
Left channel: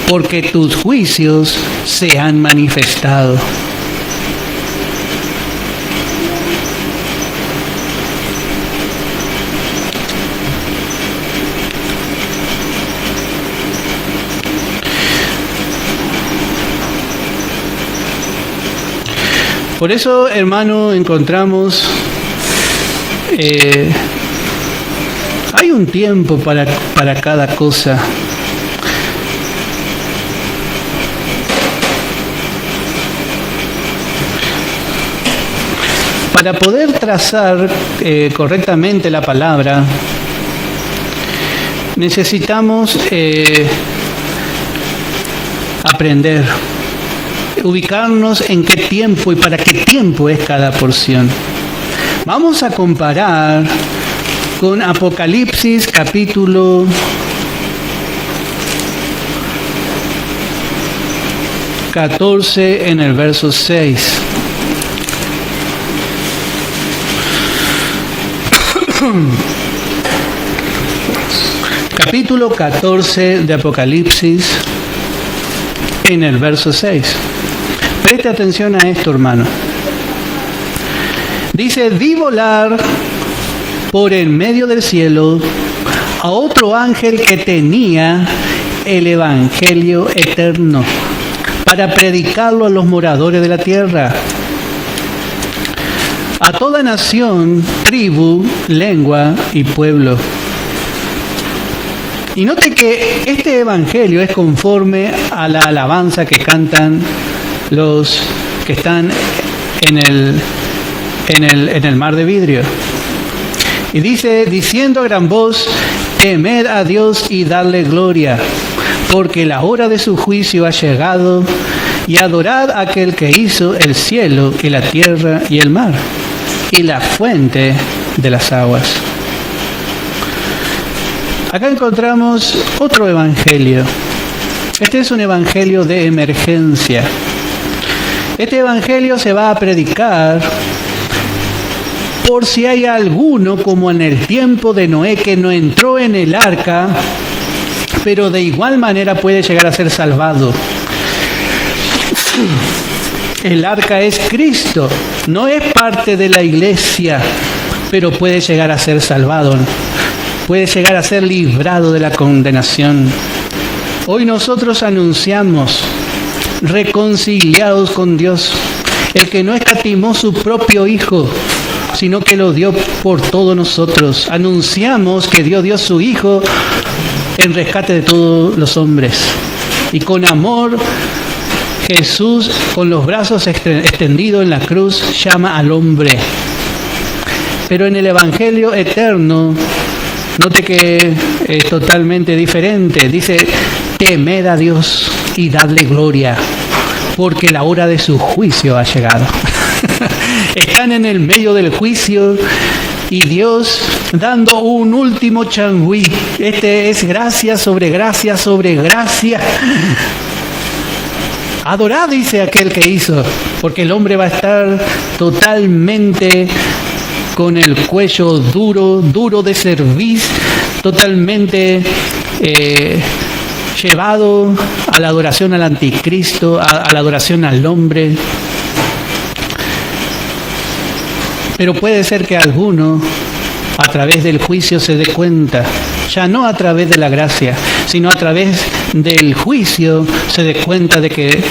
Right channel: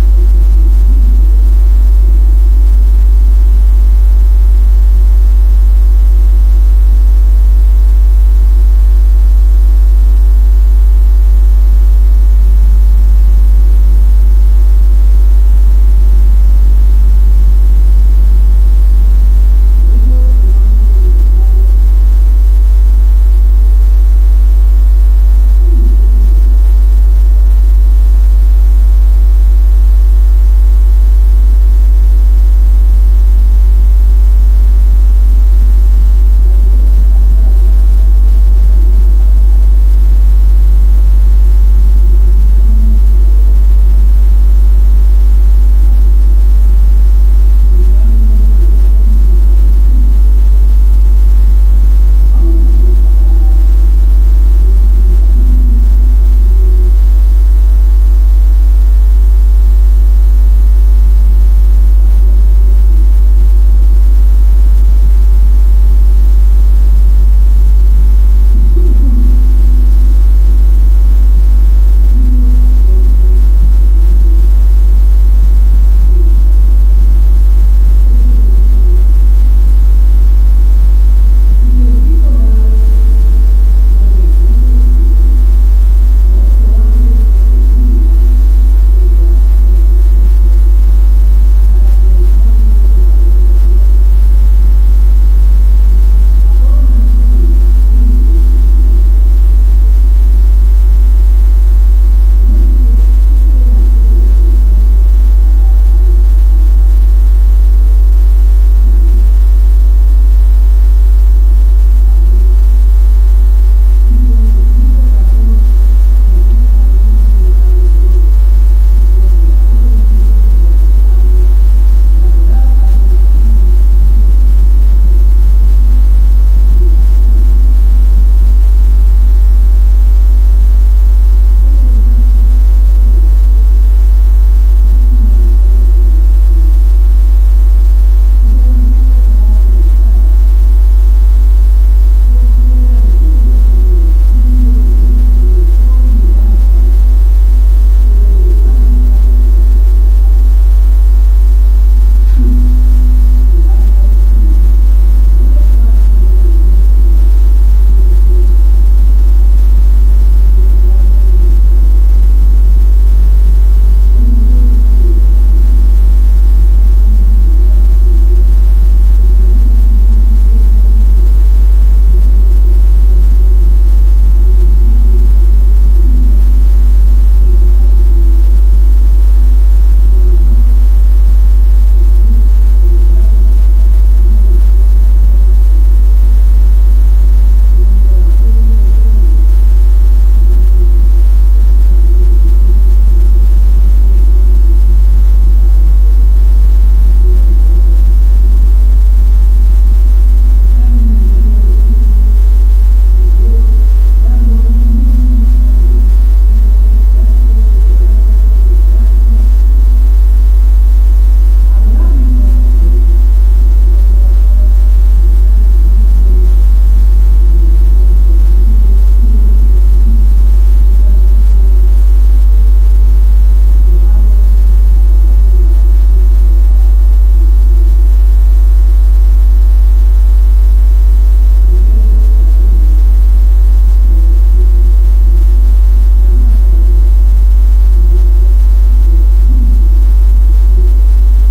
porque tus juicios se han manifestado. Por eso, hermano, encontramos, hay un tiempo para cada cosa. Para poder trazar correctamente la palabra, necesitamos aprender, ubicarnos en qué tiempo y para qué tiempo es cada porción. Vamos a comparar con Apocalipsis capítulo 14 en el verso 6. Capítulo 14 de Apocalipsis en el verso 6. Preste atención a esto, hermano. Dice: vi volar por en medio del cielo a otro ángel que tenía el evangelio eterno para predicarlo a los moradores de la tierra, a toda nación, tribu, lengua y pueblo. Y note que este evangelio es conforme a la alabanza que cantan los que están en el mar de vidrio. Y dice: diciendo a gran voz, temed a Dios y dadle gloria, porque la hora de su juicio ha llegado, y adorad a aquel que hizo el cielo y la tierra y el mar, y la fuente de las aguas. Acá encontramos otro evangelio. Este es un evangelio de emergencia. Este evangelio se va a predicar por si hay alguno, como en el tiempo de Noé, que no entró en el arca, pero de igual manera puede llegar a ser salvado. El arca es Cristo, no es parte de la iglesia, pero puede llegar a ser salvado, puede llegar a ser librado de la condenación. Hoy nosotros anunciamos, reconciliados con Dios, el que no escatimó su propio Hijo, sino que lo dio por todos nosotros. Anunciamos que Dios dio su Hijo en rescate de todos los hombres. Y con amor, Jesús, con los brazos extendidos en la cruz, llama al hombre. Pero en el Evangelio eterno, note que es totalmente diferente. Dice: temed a Dios y dadle gloria, porque la hora de su juicio ha llegado. Están en el medio del juicio y Dios dando un último changüí. Este es gracia sobre gracia sobre gracia. Adorad, dice aquel que hizo, porque el hombre va a estar totalmente con el cuello duro de cerviz, totalmente llevado a la adoración al anticristo, a la adoración al hombre. Pero puede ser que alguno, a través del juicio, se dé cuenta, ya no a través de la gracia, sino a través del juicio, se dé cuenta de que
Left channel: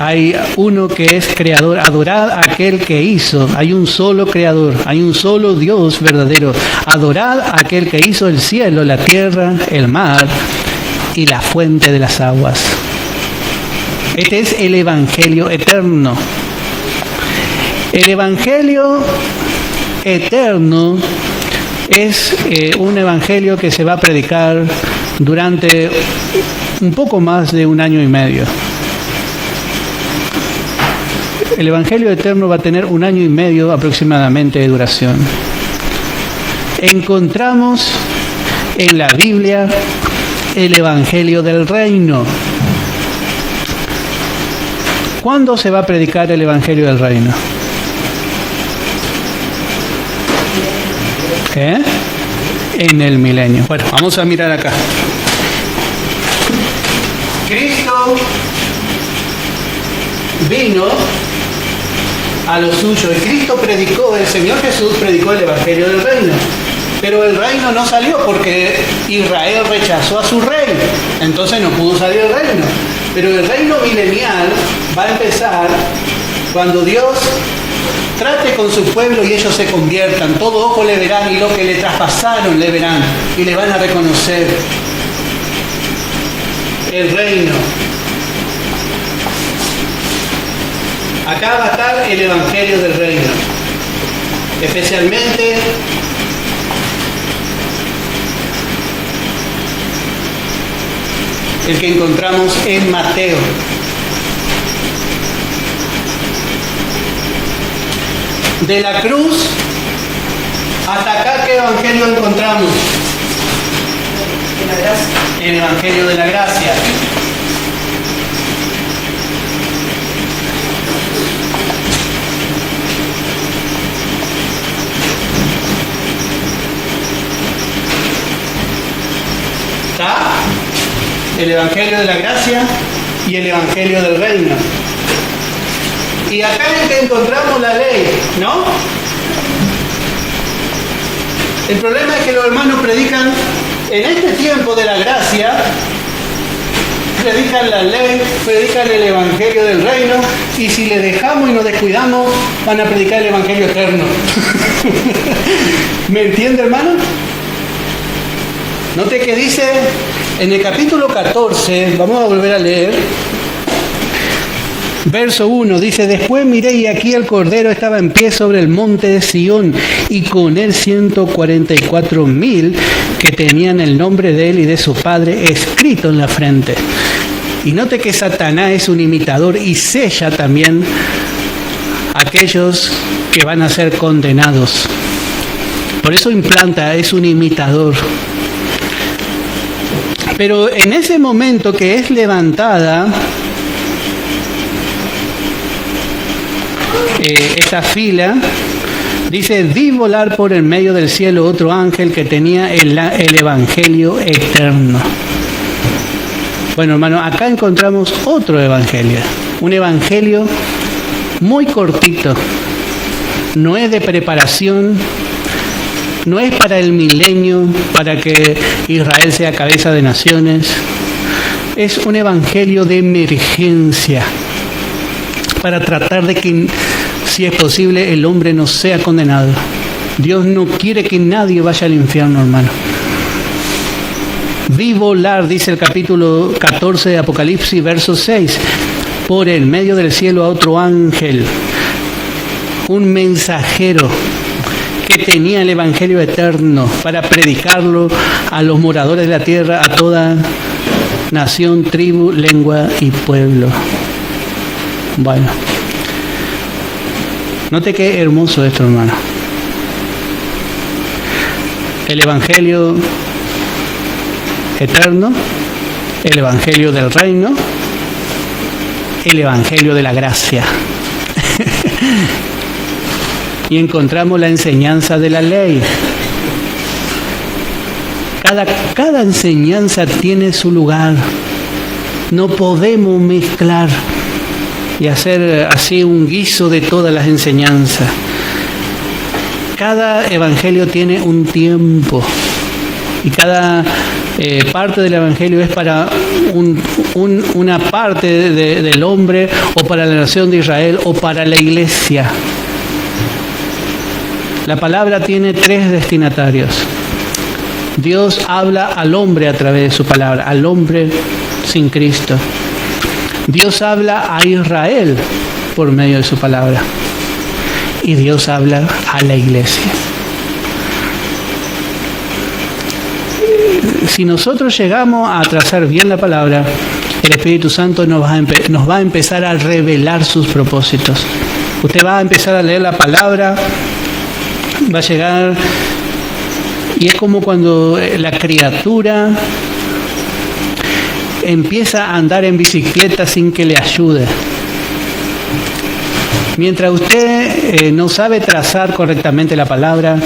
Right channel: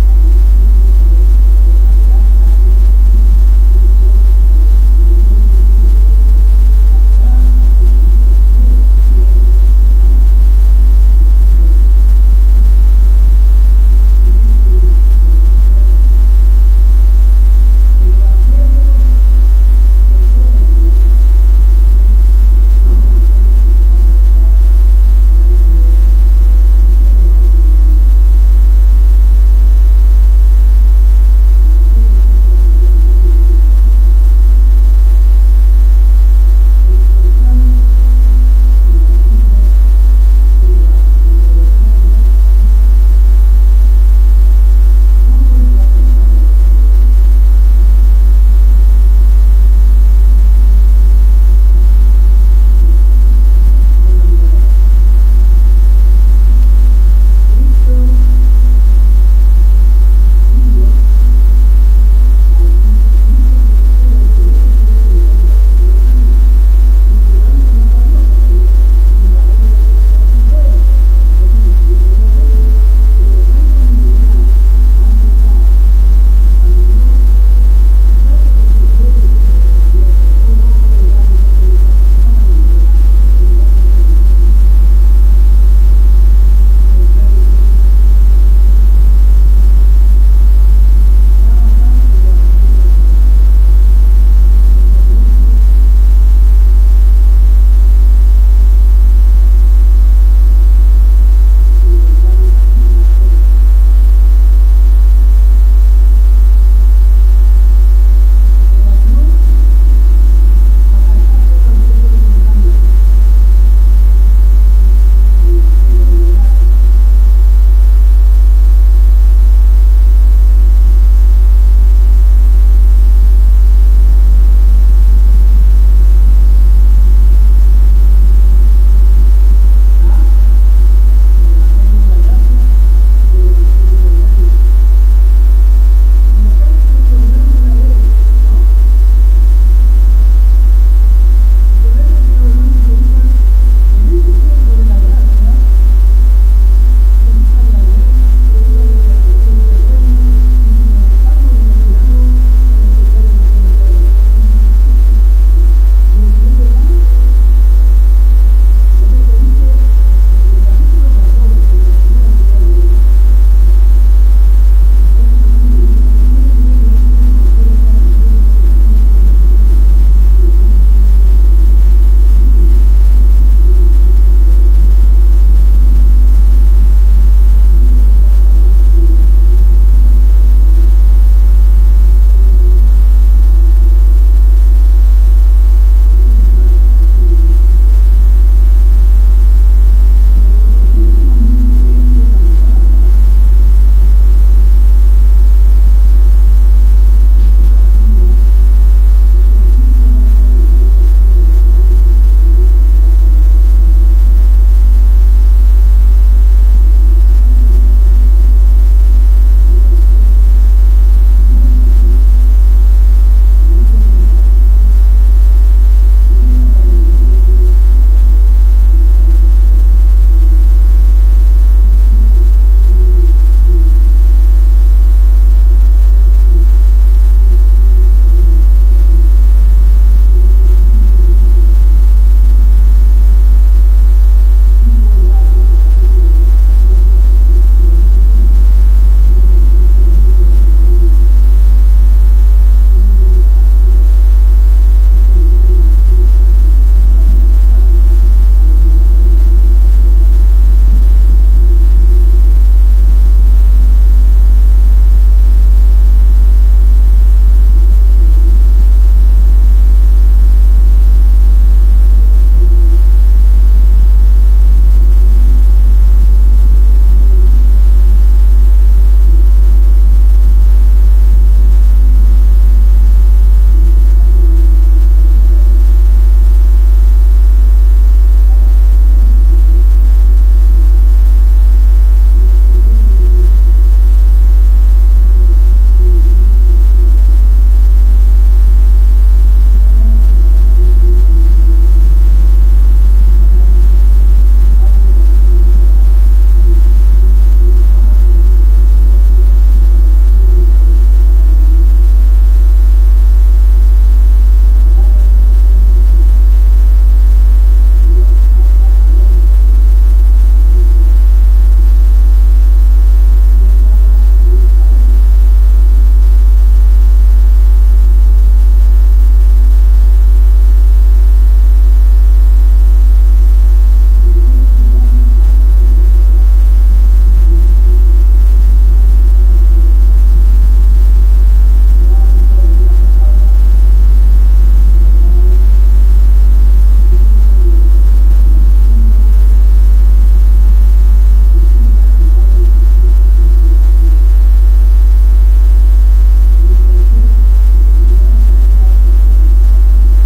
hay uno que es creador. Adorad a aquel que hizo. Hay un solo creador, hay un solo Dios verdadero. Adorad a aquel que hizo el cielo, la tierra, el mar y la fuente de las aguas. Este es el evangelio eterno. El evangelio eterno es un evangelio que se va a predicar durante un poco más de 1 año y medio. El evangelio eterno va a tener 1 año y medio aproximadamente de duración. Encontramos en la Biblia el evangelio del reino. ¿Cuándo se va a predicar el evangelio del reino? En el milenio. Bueno, vamos a mirar acá. Cristo vino a lo suyo. Y Cristo predicó, el Señor Jesús predicó el evangelio del reino. Pero el reino no salió porque Israel rechazó a su rey. Entonces no pudo salir el reino. Pero el reino milenial va a empezar cuando Dios trate con su pueblo y ellos se conviertan. Todo ojo le verán y lo que le traspasaron le verán y le van a reconocer. El reino. Acá va a estar el evangelio del reino. Especialmente el que encontramos en Mateo. De la cruz evangelio del reino. Y acá es que encontramos la ley, ¿no? El problema es que los hermanos predican en este tiempo de la gracia, predican la ley, predican el evangelio del reino, y si le dejamos y nos descuidamos, van a predicar el evangelio eterno. ¿Me entiende, hermano? Note que dice en el capítulo 14, vamos a volver a leer, verso 1, dice: después miré y aquí el Cordero estaba en pie sobre el monte de Sión, y con él 144,000 que tenían el nombre de él y de su padre escrito en la frente. Y note que Satanás es un imitador y sella también a aquellos que van a ser condenados. Por eso implanta, es un imitador. Pero en ese momento que es levantada esa fila, dice: vi volar por el medio del cielo otro ángel que tenía el evangelio eterno. Bueno, hermano, acá encontramos otro evangelio, un evangelio muy cortito, no es de preparación, no es para el milenio, para que Israel sea cabeza de naciones, es un evangelio de emergencia, para tratar de que, si es posible, el hombre no sea condenado. Dios no quiere que nadie vaya al infierno, hermano. Vi volar, dice el capítulo 14 de Apocalipsis, verso 6, por el medio del cielo a otro ángel, un mensajero que tenía el evangelio eterno para predicarlo a los moradores de la tierra, a toda nación, tribu, lengua y pueblo. Bueno, note qué hermoso esto, hermano. El evangelio eterno, el evangelio del reino, el evangelio de la gracia. Y encontramos la enseñanza de la ley. Cada enseñanza tiene su lugar. No podemos mezclar y hacer así un guiso de todas las enseñanzas. Cada evangelio tiene un tiempo, y cada parte del evangelio es para una parte del hombre, o para la nación de Israel, o para la iglesia. La palabra tiene tres destinatarios. Dios habla al hombre a través de su palabra, al hombre sin Cristo. Dios habla a Israel por medio de su palabra, y Dios habla a la iglesia. Si nosotros llegamos a trazar bien la palabra, el Espíritu Santo nos va a empezar a revelar sus propósitos. Usted va a empezar a leer la palabra, va a llegar, y es como cuando la criatura empieza a andar en bicicleta sin que le ayude. Mientras usted no sabe trazar correctamente la palabra,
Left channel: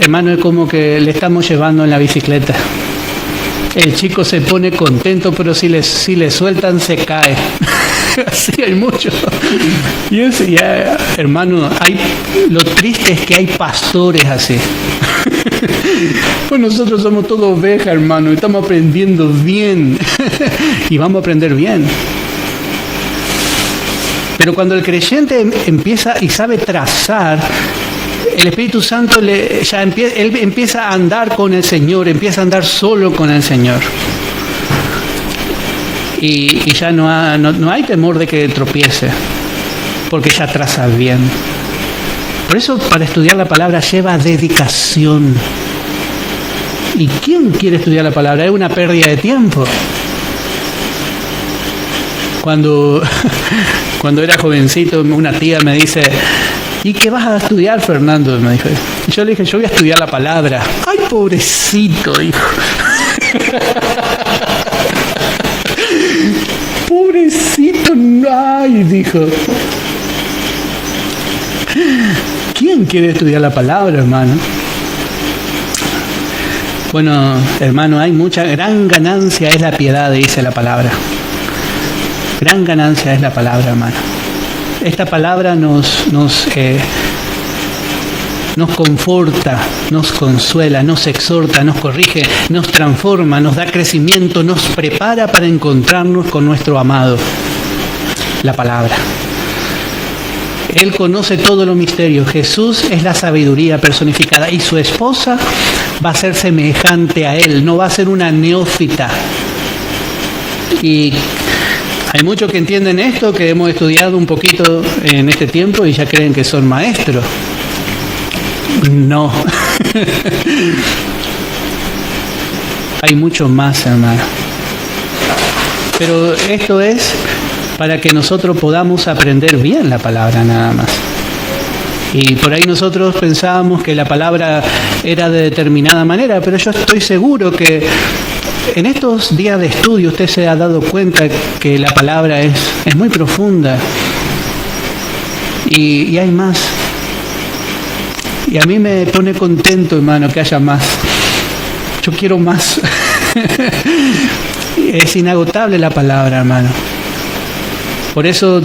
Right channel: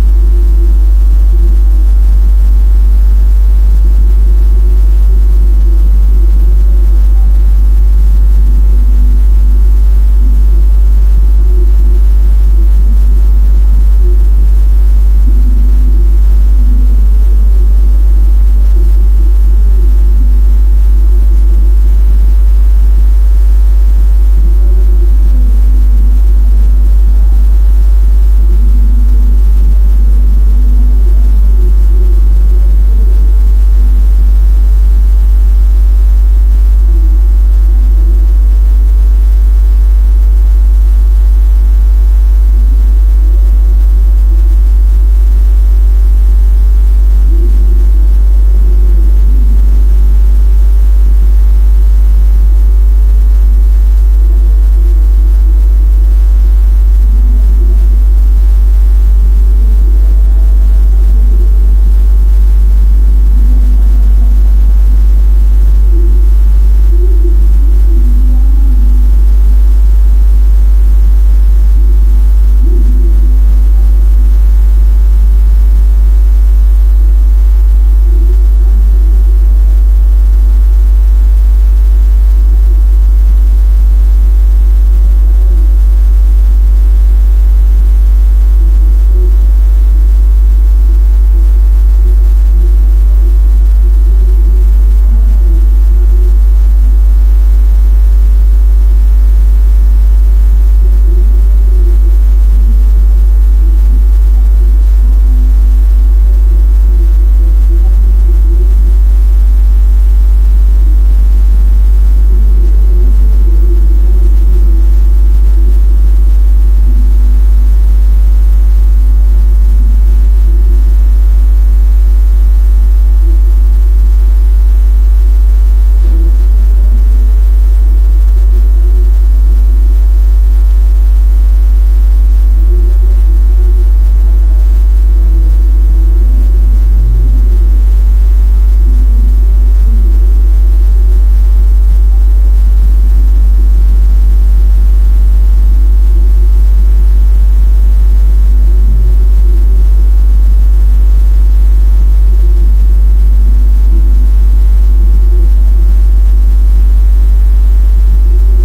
hermano, es como que le estamos llevando en la bicicleta. El chico se pone contento, pero si le sueltan se cae. Así hay mucho. Y eso ya, hermano, lo triste es que hay pastores así. Pues nosotros somos todos ovejas, hermano, y estamos aprendiendo bien. Y vamos a aprender bien. Pero cuando el creyente empieza y sabe trazar, el Espíritu Santo él empieza a andar con el Señor, empieza a andar solo con el Señor. Y ya no hay temor de que tropiece, porque ya traza bien. Por eso, para estudiar la palabra lleva dedicación. ¿Y quién quiere estudiar la palabra? Es una pérdida de tiempo. Cuando era jovencito, una tía me dice: ¿y qué vas a estudiar, Fernando? Me dijo. Y yo le dije: yo voy a estudiar la palabra. ¡Ay, pobrecito, hijo! Pobrecito, ay, dijo. ¿Quién quiere estudiar la palabra, hermano? Bueno, hermano, hay mucha gran ganancia, es la piedad, dice la palabra. gran ganancia es la palabra, hermano. Esta palabra nos conforta, nos consuela, nos exhorta, nos corrige, nos transforma, nos da crecimiento, nos prepara para encontrarnos con nuestro amado. La palabra. Él conoce todos los misterios. Jesús es la sabiduría personificada y su esposa va a ser semejante a Él, no va a ser una neófita. Y hay muchos que entienden esto, que hemos estudiado un poquito en este tiempo y ya creen que son maestros. No. Hay mucho más, hermano. Pero esto es para que nosotros podamos aprender bien la palabra nada más. Y por ahí nosotros pensábamos que la palabra era de determinada manera, pero yo estoy seguro que en estos días de estudio usted se ha dado cuenta que la palabra es muy profunda y hay más. Y a mí me pone contento, hermano, que haya más. Yo quiero más. Es inagotable la palabra, hermano. Por eso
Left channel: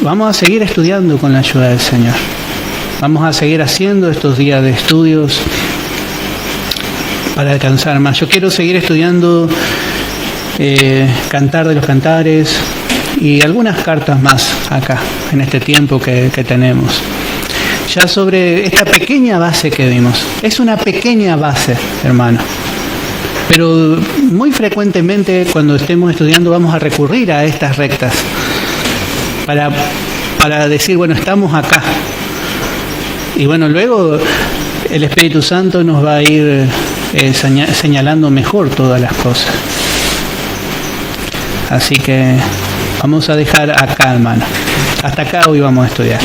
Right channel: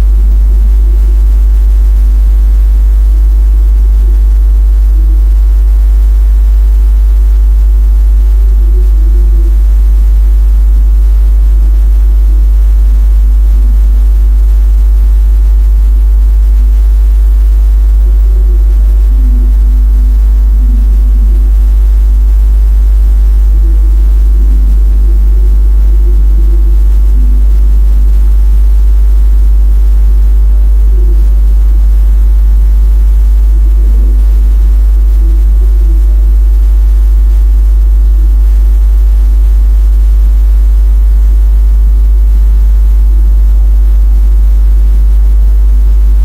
vamos a seguir estudiando con la ayuda del Señor. Vamos a seguir haciendo estos días de estudios para alcanzar más. Yo quiero seguir estudiando Cantar de los Cantares y algunas cartas más acá, en este tiempo que tenemos. Ya sobre esta pequeña base que vimos. Es una pequeña base, hermano. Pero muy frecuentemente cuando estemos estudiando vamos a recurrir a estas rectas para decir, bueno, estamos acá. Y bueno, luego el Espíritu Santo nos va a ir señalando mejor todas las cosas. Así que vamos a dejar acá, hermano. Hasta acá hoy vamos a estudiar.